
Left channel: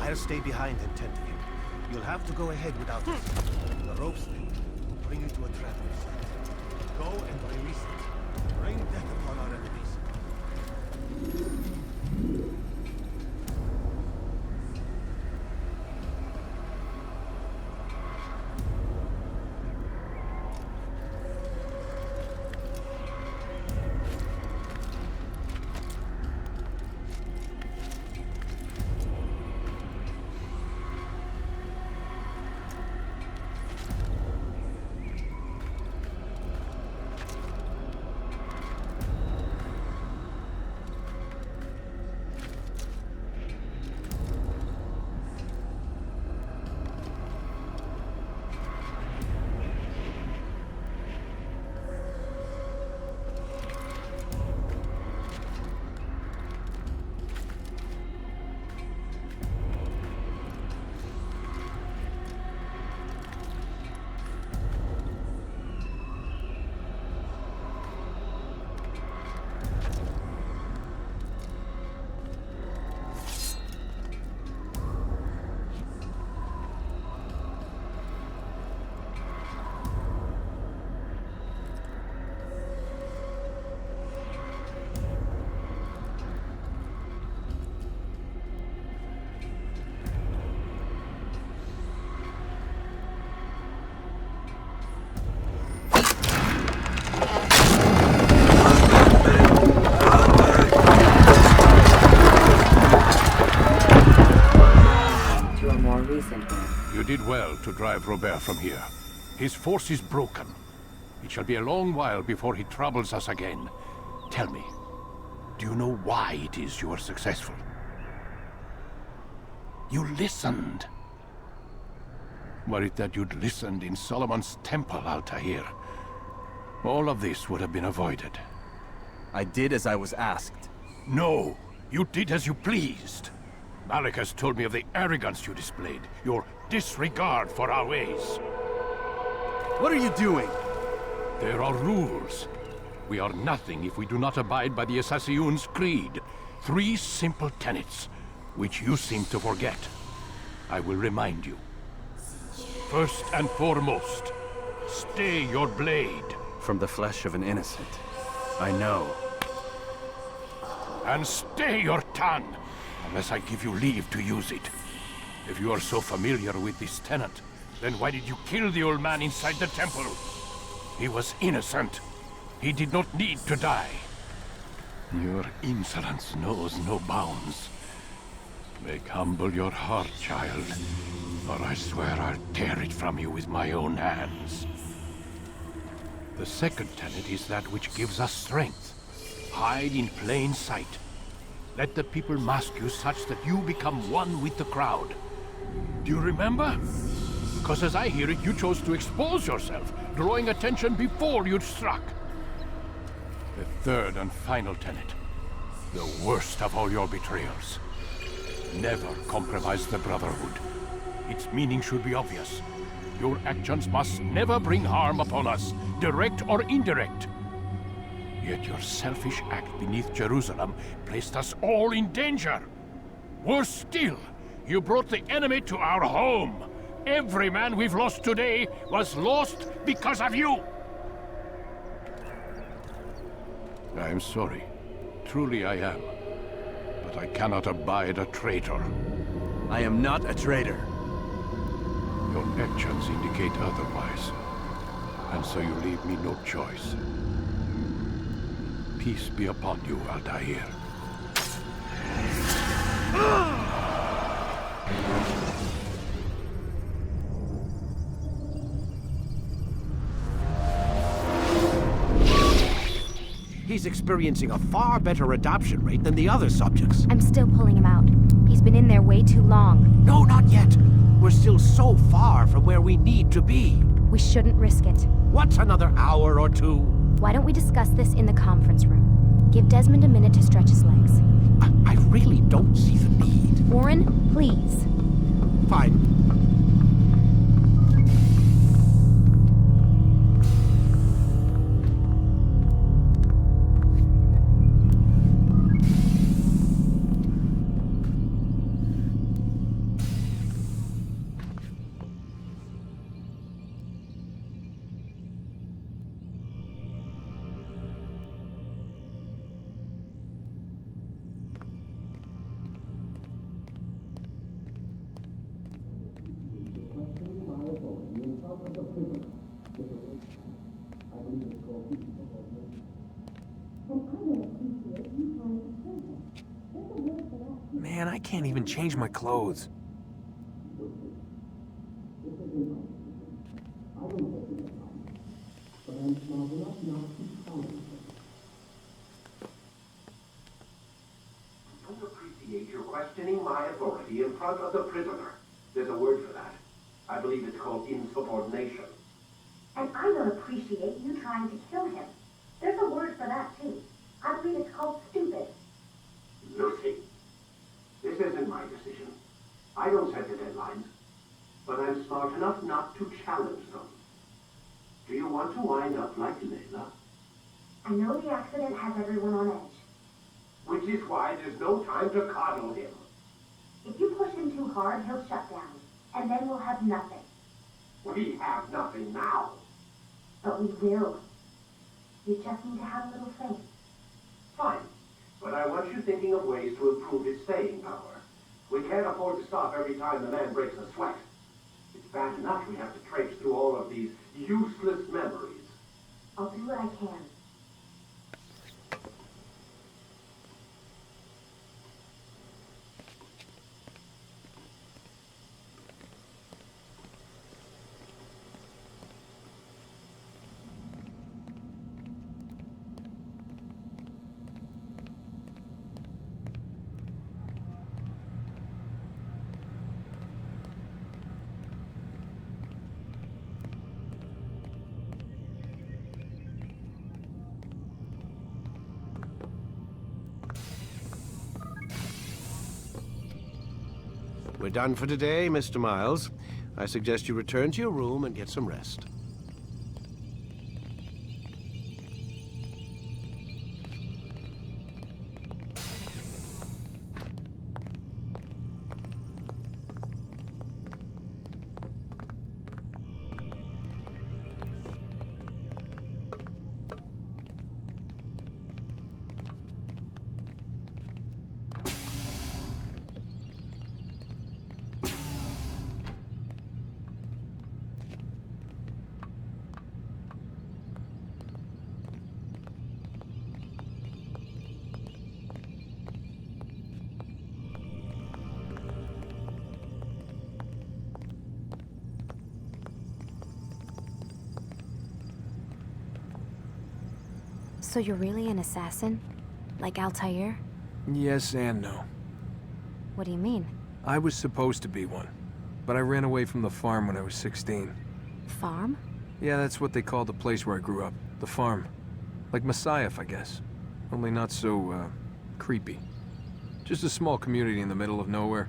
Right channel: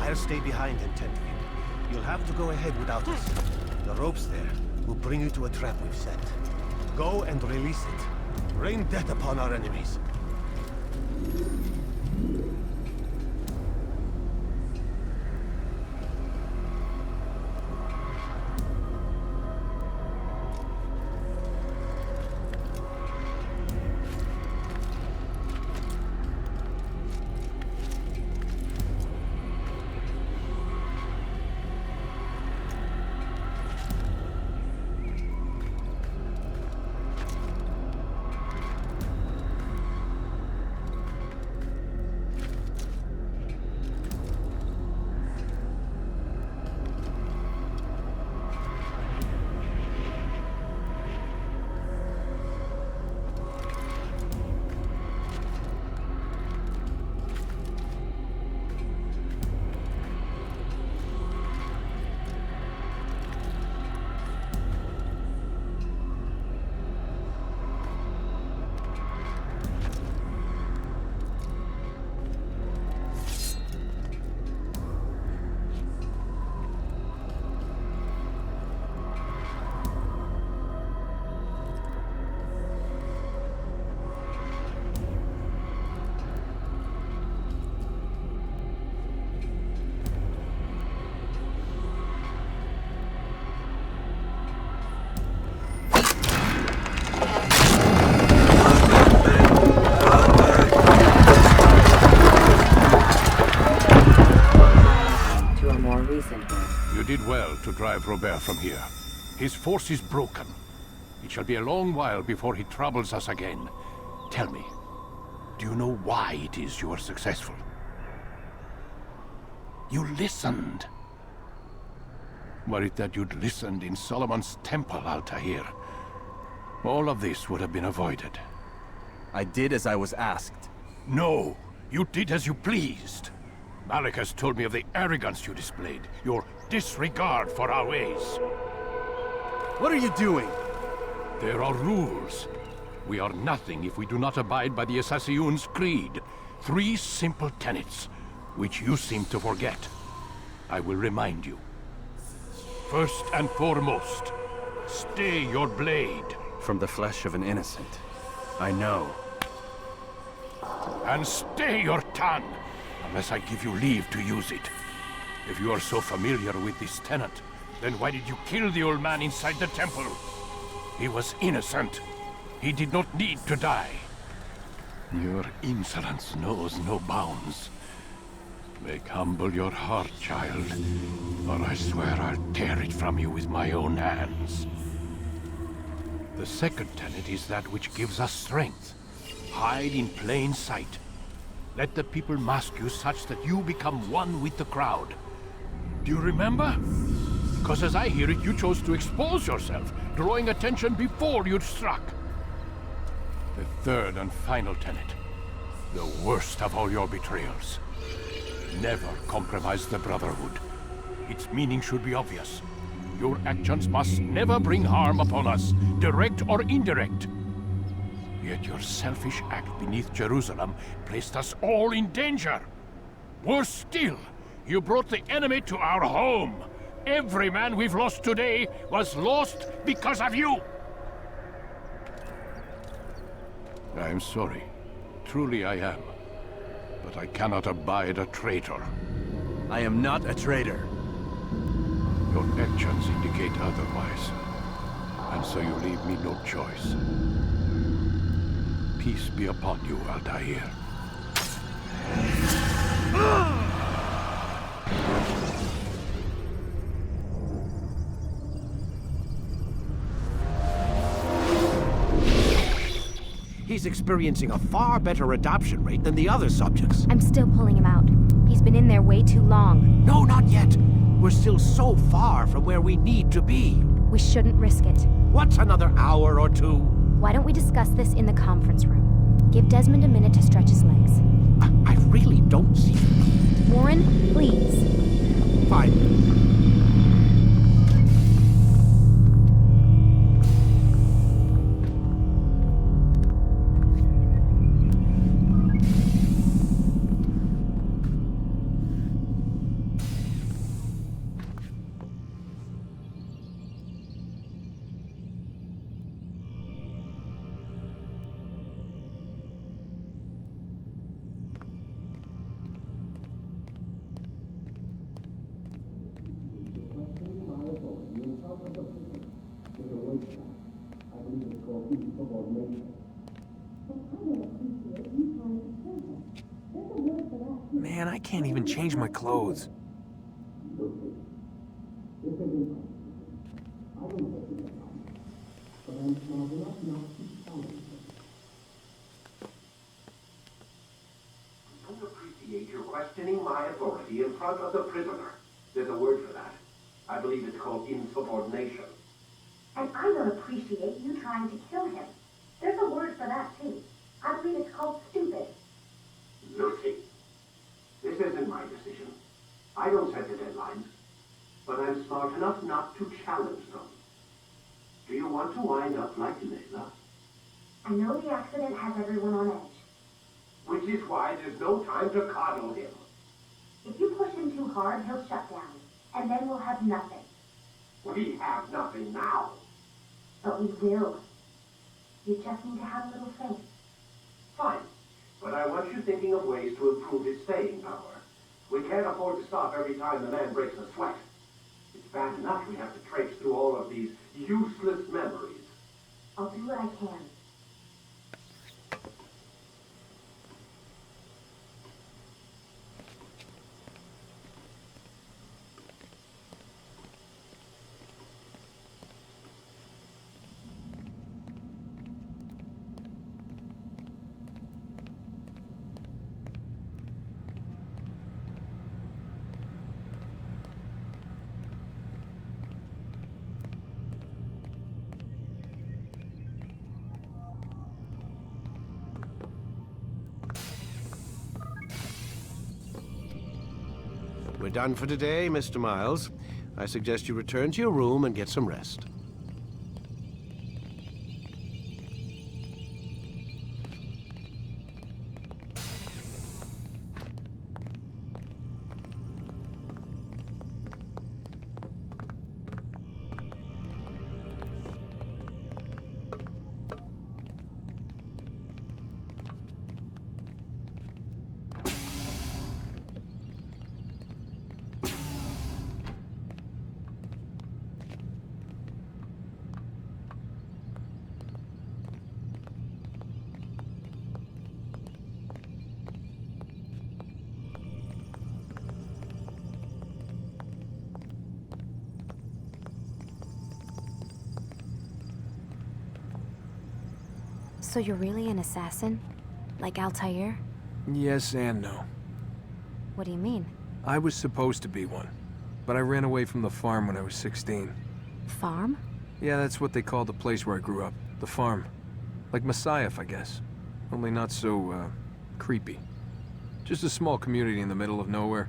I'll stay behind and tend to him. You'll have to go ahead without us. The ropes there will bring you to a trap we've set. Go and release it. Rain death upon our enemies. You did well to drive Robert from here. His force is broken. It shall be a long while before he troubles us again. Tell me, do you know why it is you are successful? You listened. Were it that you'd listened in Solomon's temple, Altair, all of this would have been avoided. I did as I was asked. No, you did as you pleased. Malik has told me of the arrogance you displayed, your disregard for our ways. What are you doing? There are rules. We are nothing if we do not abide by the Assassin's creed. 3 simple tenets, which you seem to forget. I will remind you. First and foremost, stay your blade. From the flesh of an innocent. I know. And stay your tongue, unless I give you leave to use it. If you are so familiar with this tenet, then why did you kill the old man inside the temple? He was innocent. He did not need to die. Your insolence knows no bounds. Make humble your heart, child, or I swear I'll tear it from you with my own hands. The second tenet is that which gives us strength. Hide in plain sight. Let the people mask you such that you become one with the crowd. Do you remember? Because as I hear it, you chose to expose yourself, drawing attention before you'd struck. The third and final tenet. The worst of all your betrayals. Never compromise the Brotherhood. Its meaning should be obvious. Your actions must never bring harm upon us, direct or indirect. Yet your selfish act beneath Jerusalem placed us all in danger. Worse still, you brought the enemy to our home. Every man we've lost today was lost because of you. I am sorry. Truly I am. But I cannot abide a traitor. I am not a traitor. Your actions indicate otherwise. And so you leave me no choice. Peace be upon you, Altair. He's experiencing a far better adoption rate than the other subjects. I'm still pulling him out. He's been in there way too long. No, not yet. We're still so far from where we need to be. We shouldn't risk it. What's another hour or two? Why don't we discuss this in the conference room? Give Desmond a minute to stretch his legs. I really don't see the need. Warren, please. Fine. Man, I can't even change my clothes. You're questioning my authority in front of the prisoner. There's a word for that. I believe it's called insubordination. And I don't appreciate you trying to kill him. There's a word for that, too. I believe it's called stupid. Lucy, this isn't my decision. I don't set the deadlines. But I'm smart enough not to challenge them. Do you want to wind up like Layla? I know the accident has everyone on edge. Which is why there's no time to coddle him. If you push him too hard, he'll shut down. And then we'll have nothing. We have nothing now. But we will. You just need to have a little faith. Fine. But I want you thinking of ways to improve his staying power. We can't afford to stop every time the man breaks a sweat. It's bad enough we have to traipse through all of these useless memories. I'll do what I can. We're done for today, Mr. Miles. I suggest you return to your room and get some rest. So you're really an assassin? Like Altair? Yes and no. What do you mean? I was supposed to be one, but I ran away from the farm when I was 16. Farm? Yeah, that's what they called the place where I grew up. The farm. Like Messiah, I guess. Only not so, creepy. Just a small community in the middle of nowhere.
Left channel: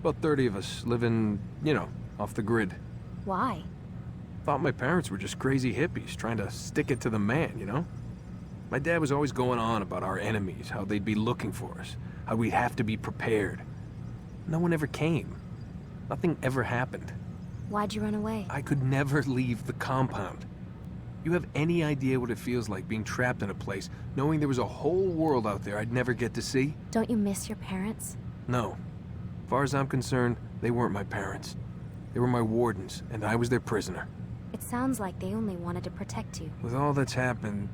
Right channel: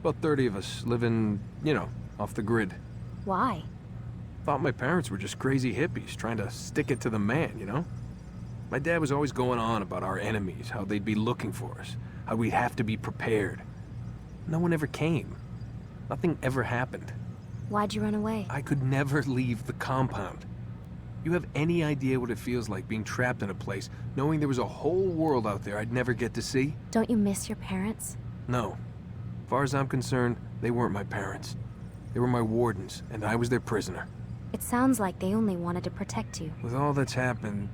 About 30 of us living, you know, off the grid. Why? Thought my parents were just crazy hippies trying to stick it to the man, you know? My dad was always going on about our enemies, how they'd be looking for us, how we'd have to be prepared. No one ever came. Nothing ever happened. Why'd you run away? I could never leave the compound. You have any idea what it feels like being trapped in a place, knowing there was a whole world out there I'd never get to see? Don't you miss your parents? No. As far as I'm concerned, they weren't my parents. They were my wardens, and I was their prisoner. It sounds like they only wanted to protect you. With all that's happened,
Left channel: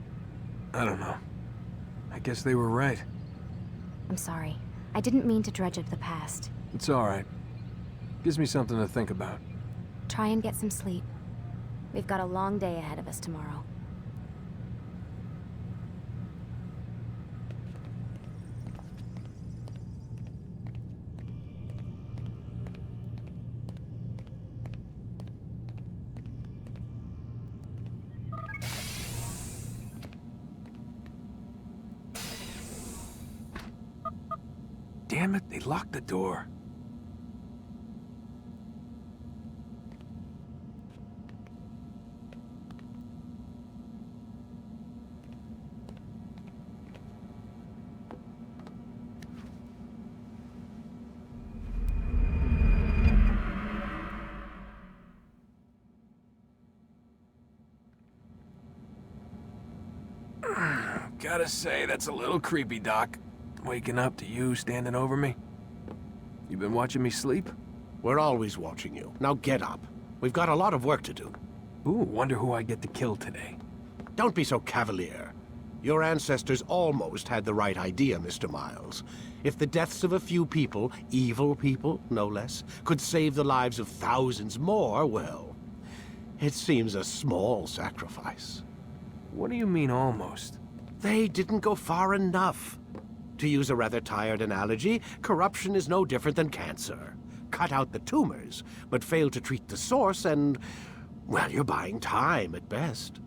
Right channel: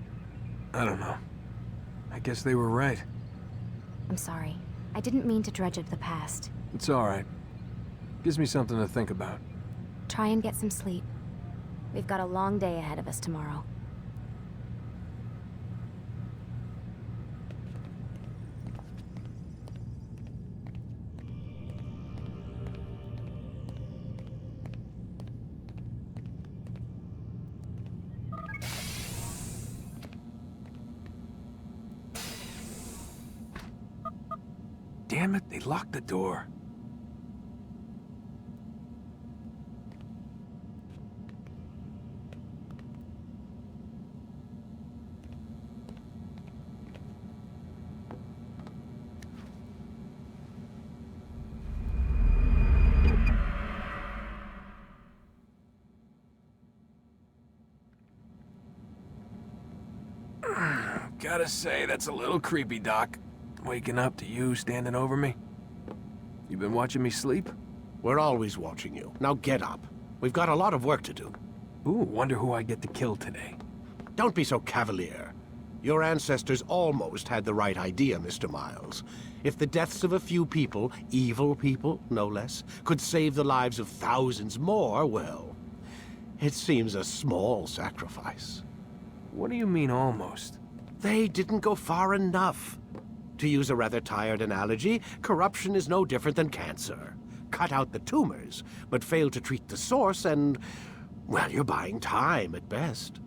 I don't know. I guess they were right. I'm sorry. I didn't mean to dredge up the past. It's all right. Gives me something to think about. Try and get some sleep. We've got a long day ahead of us tomorrow. Damn it, they locked the door. Gotta say, that's a little creepy, Doc. Waking up to you standing over me. You been watching me sleep? We're always watching you. Now get up. We've got a lot of work to do. Ooh, wonder who I get to kill today. Don't be so cavalier. Your ancestors almost had the right idea, Mr. Miles. If the deaths of a few people, evil people, no less, could save the lives of thousands more, well, it seems a small sacrifice. What do you mean, almost? They didn't go far enough. To use a rather tired analogy, corruption is no different than cancer. Cut out the tumors, but fail to treat the source and, well, you're buying time at best.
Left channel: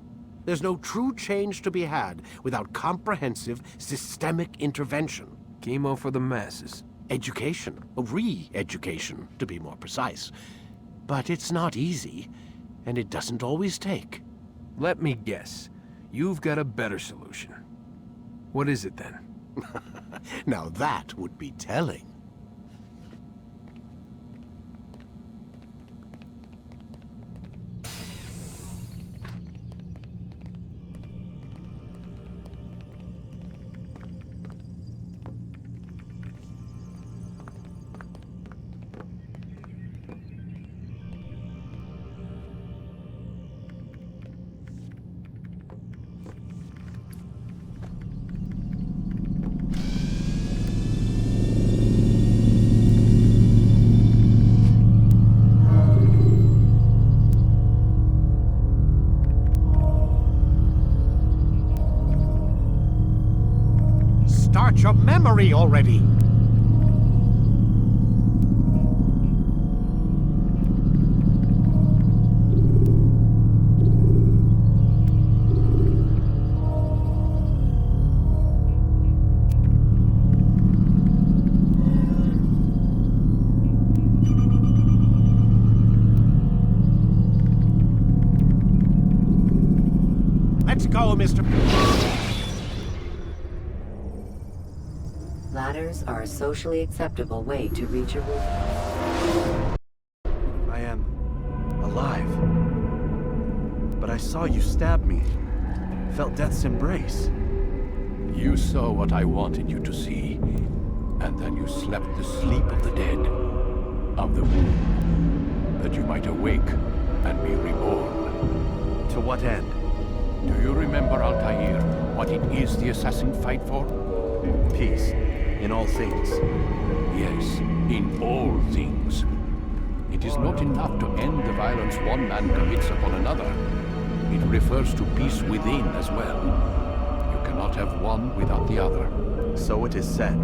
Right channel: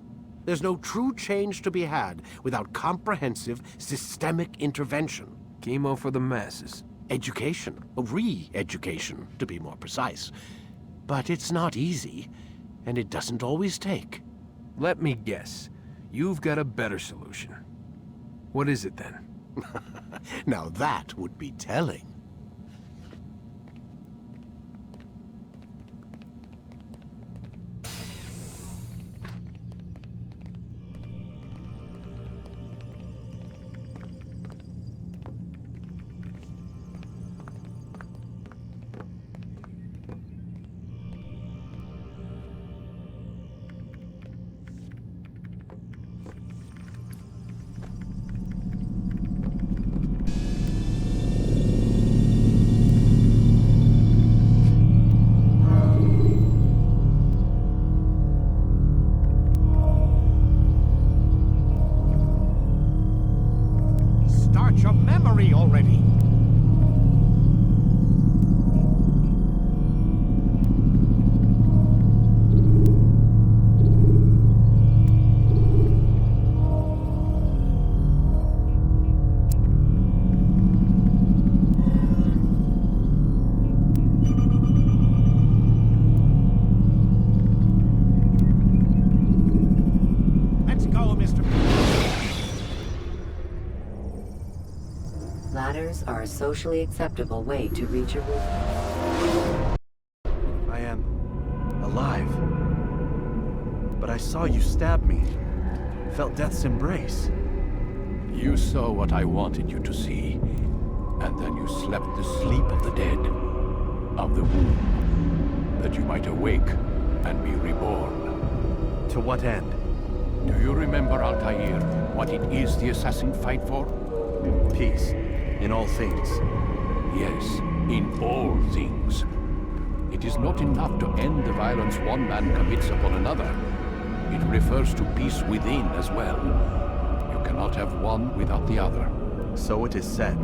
There's no true change to be had without comprehensive, systemic intervention. Chemo for the masses. Education. Re-education, to be more precise. But it's not easy, and it doesn't always take. Let me guess. You've got a better solution. What is it, then? Now that would be telling. Start your memory already! Let's go, Mr. Ladders are a socially acceptable way to reach a roof. I am alive. But I saw you stab me. Felt death's embrace. You saw what I wanted you to see, and then you slept the sleep of the dead, of the womb, that you might awake and be reborn. To what end? Do you remember, Altair, what it is the assassin fight for? Peace. In all things. Yes, in all things. It is not enough to end the violence one man commits upon another. It refers to peace within as well. You cannot have one without the other. So it is said.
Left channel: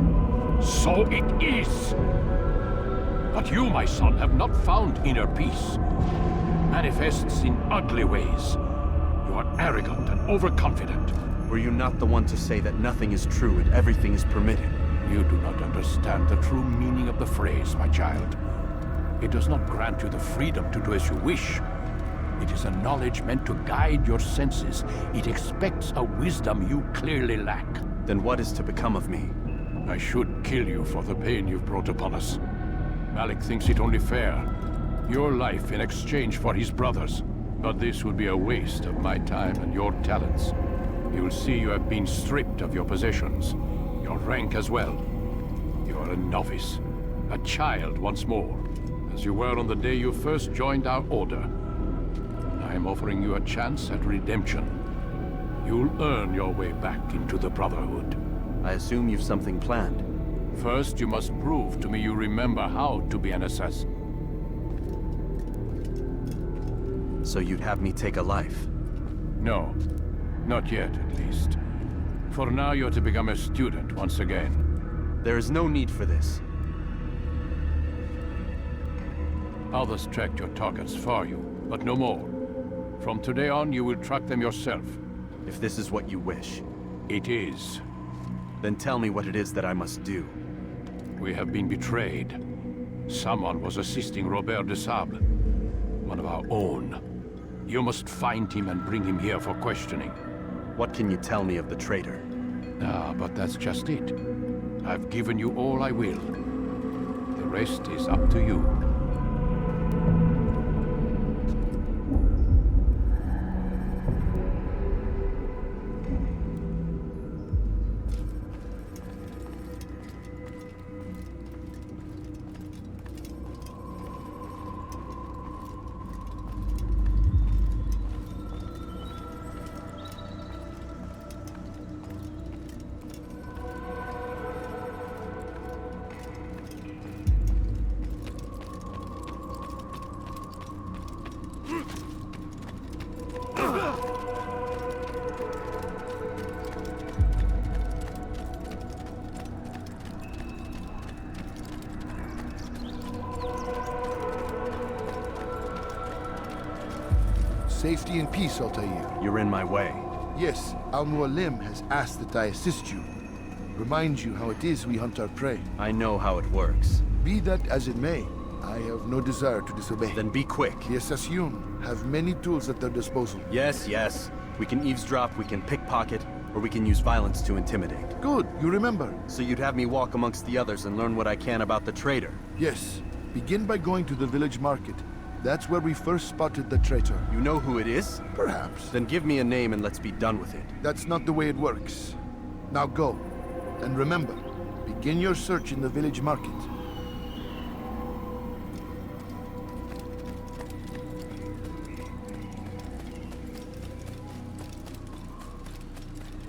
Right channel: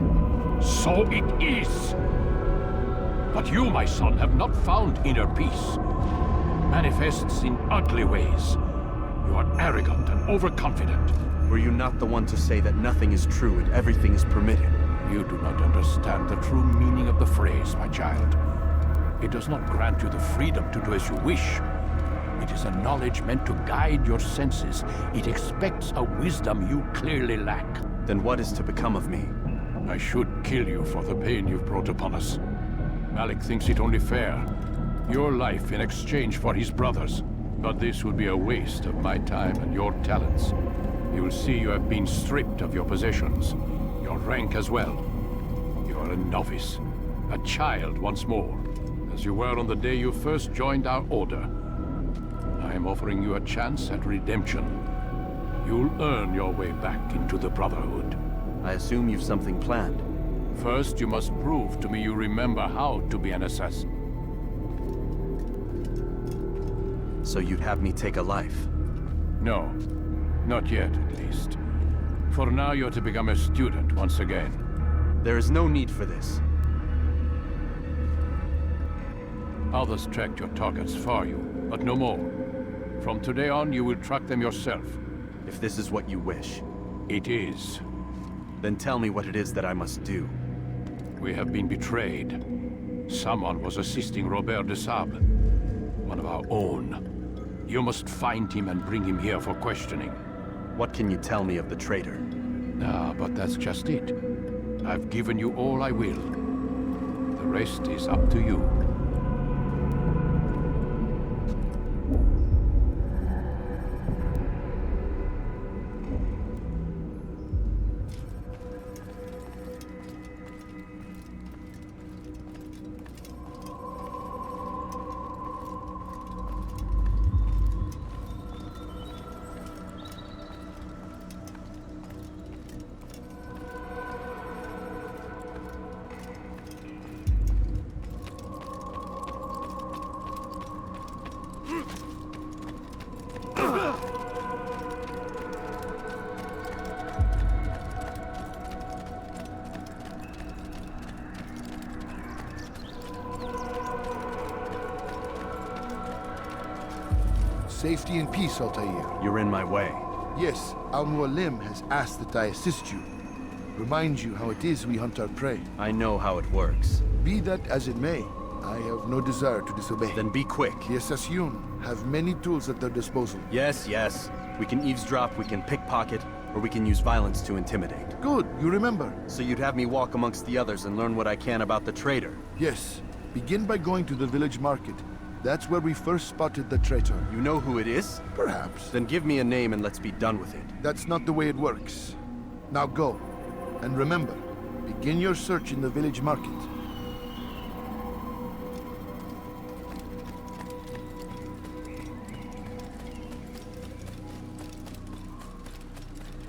So it is! But you, my son, have not found inner peace. It manifests in ugly ways. You are arrogant and overconfident. Were you not the one to say that nothing is true and everything is permitted? You do not understand the true meaning of the phrase, my child. It does not grant you the freedom to do as you wish. It is a knowledge meant to guide your senses. It expects a wisdom you clearly lack. Then what is to become of me? I should kill you for the pain you've brought upon us. Malik thinks it only fair. Your life in exchange for his brother's. But this would be a waste of my time and your talents. You will see you have been stripped of your possessions. Your rank as well. You are a novice. A child once more. As you were on the day you first joined our order. I am offering you a chance at redemption. You'll earn your way back into the Brotherhood. I assume you've something planned. First, you must prove to me you remember how to be an assassin. So you'd have me take a life? No. Not yet, at least. For now, you're to become a student once again. There is no need for this. Others tracked your targets for you, but no more. From today on, you will track them yourself. If this is what you wish. It is. Then tell me what it is that I must do. We have been betrayed. Someone was assisting Robert de Sable, one of our own. You must find him and bring him here for questioning. What can you tell me of the traitor? Ah, but that's just it. I've given you all I will. The rest is up to you. Safety and peace, Altair. You're in my way. Yes, Al-Mualim has asked that I assist you. Remind you how it is we hunt our prey. I know how it works. Be that as it may, I have no desire to disobey. Then be quick. The Assassin have many tools at their disposal. Yes, yes. We can eavesdrop, we can pickpocket, or we can use violence to intimidate. Good, you remember. So you'd have me walk amongst the others and learn what I can about the traitor? Yes. Begin by going to the village market. That's where we first spotted the traitor. You know who it is? Perhaps. Then give me a name and let's be done with it. That's not the way it works. Now go. And remember, begin your search in the village market.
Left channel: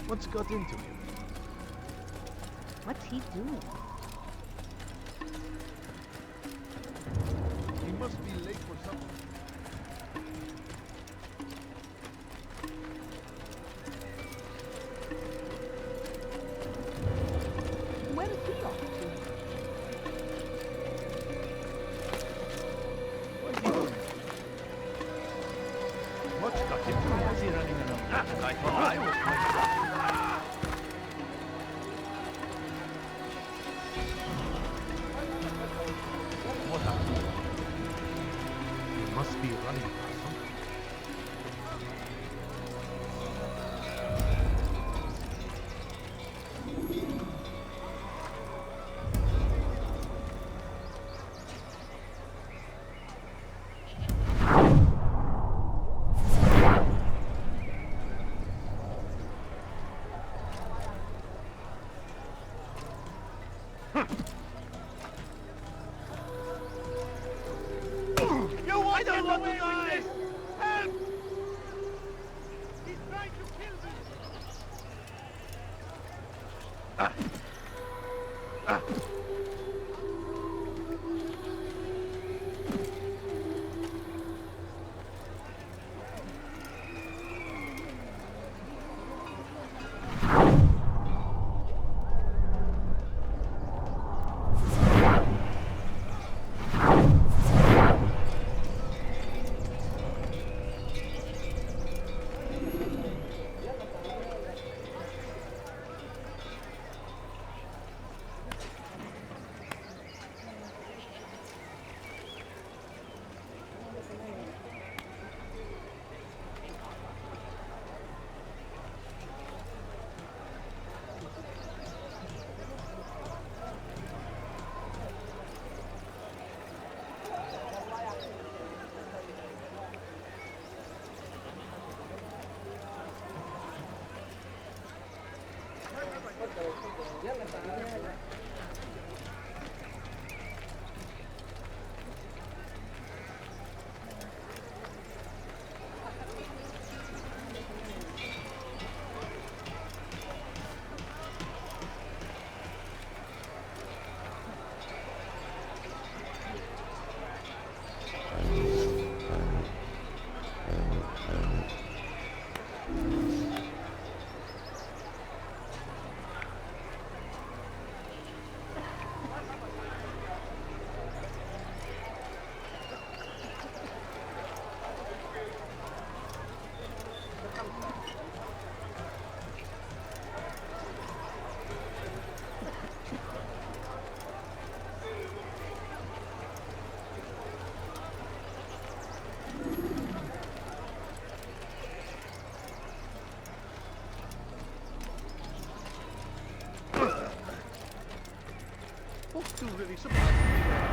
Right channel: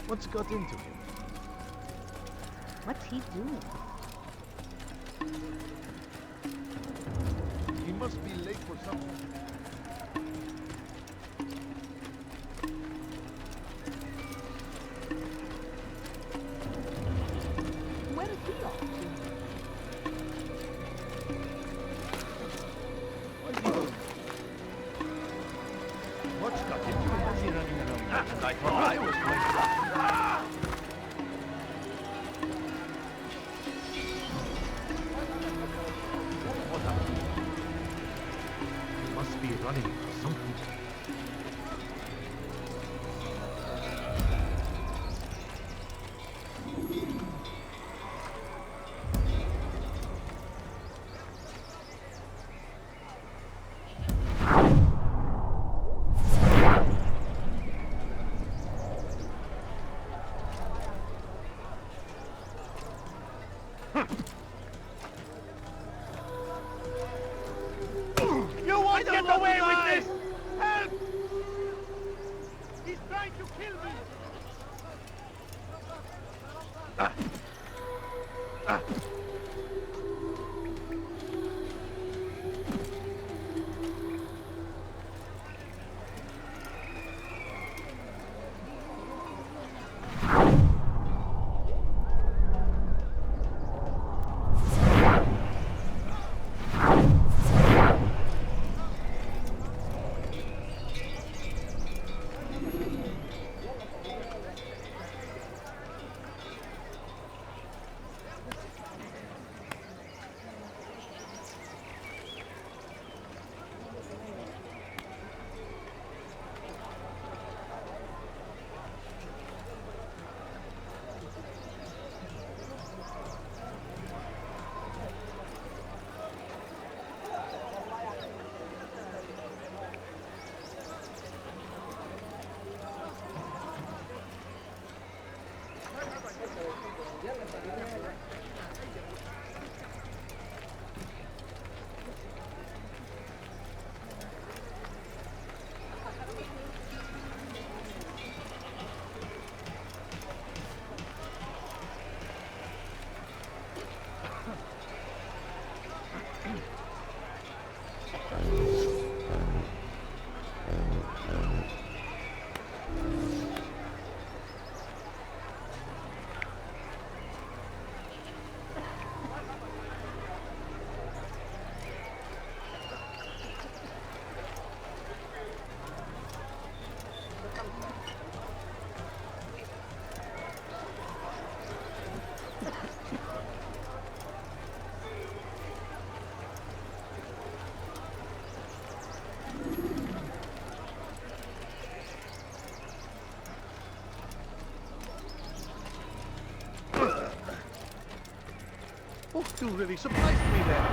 What's got into him? What's he doing? He must be late for something. Where is he off to? What's he doing? What's got into him? Why is he running around? I thought I was going to... What happened? He must be running for something. You won't get away with this! Help! He's trying to kill me! Those two really surprised me there.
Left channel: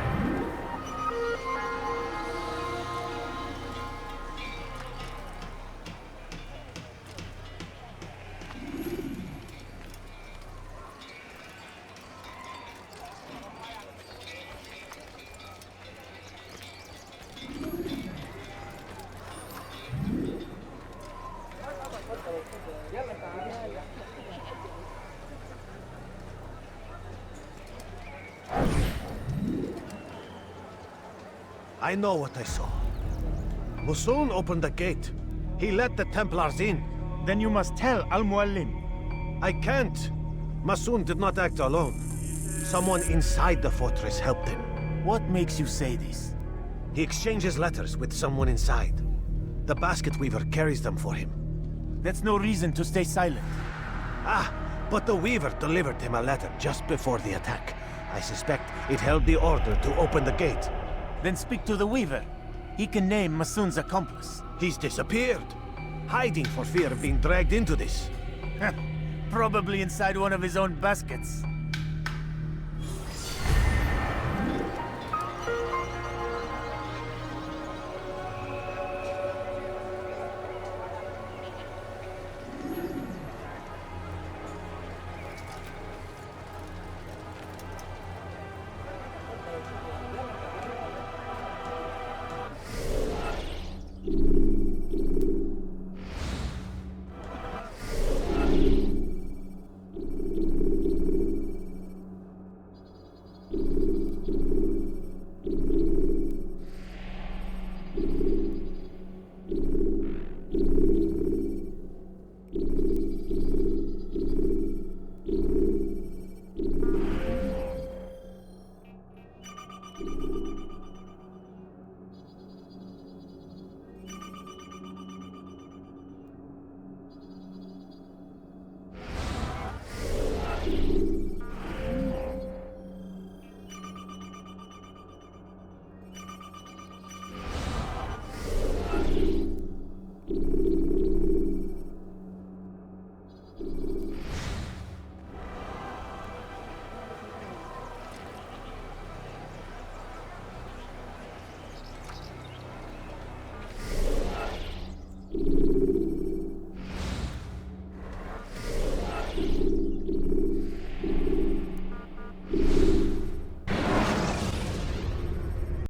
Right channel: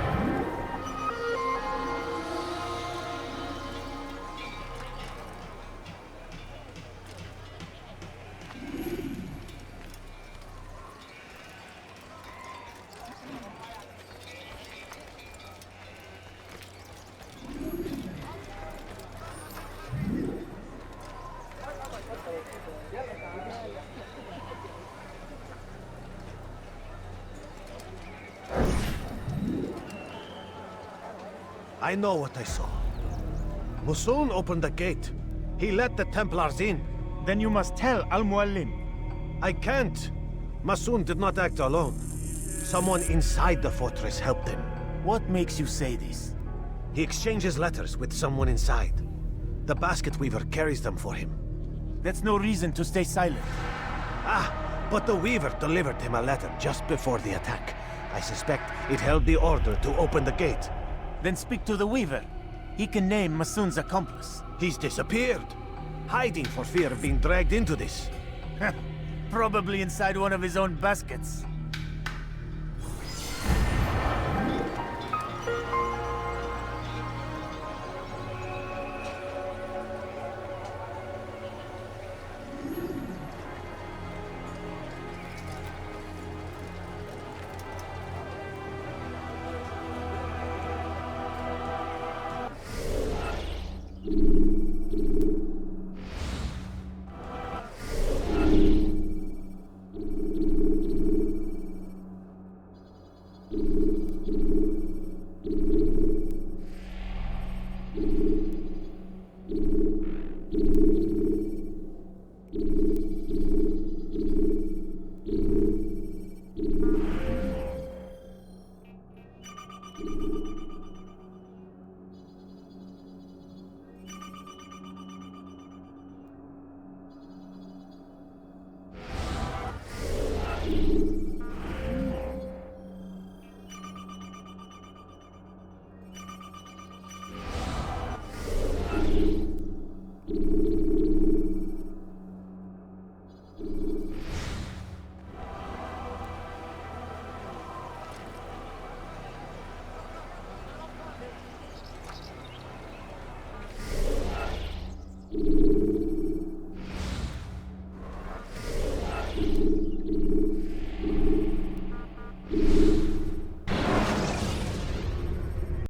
I know what I saw. Masoon opened the gate. He let the Templars in. Then you must tell Al-Mualim. I can't. Masoon did not act alone. Someone inside the fortress helped him. What makes you say this? He exchanges letters with someone inside. The basket weaver carries them for him. That's no reason to stay silent. Ah, but the weaver delivered him a letter just before the attack. I suspect it held the order to open the gate. Then speak to the weaver. He can name Masoon's accomplice. He's disappeared. Hiding for fear of being dragged into this. Probably inside one of his own baskets.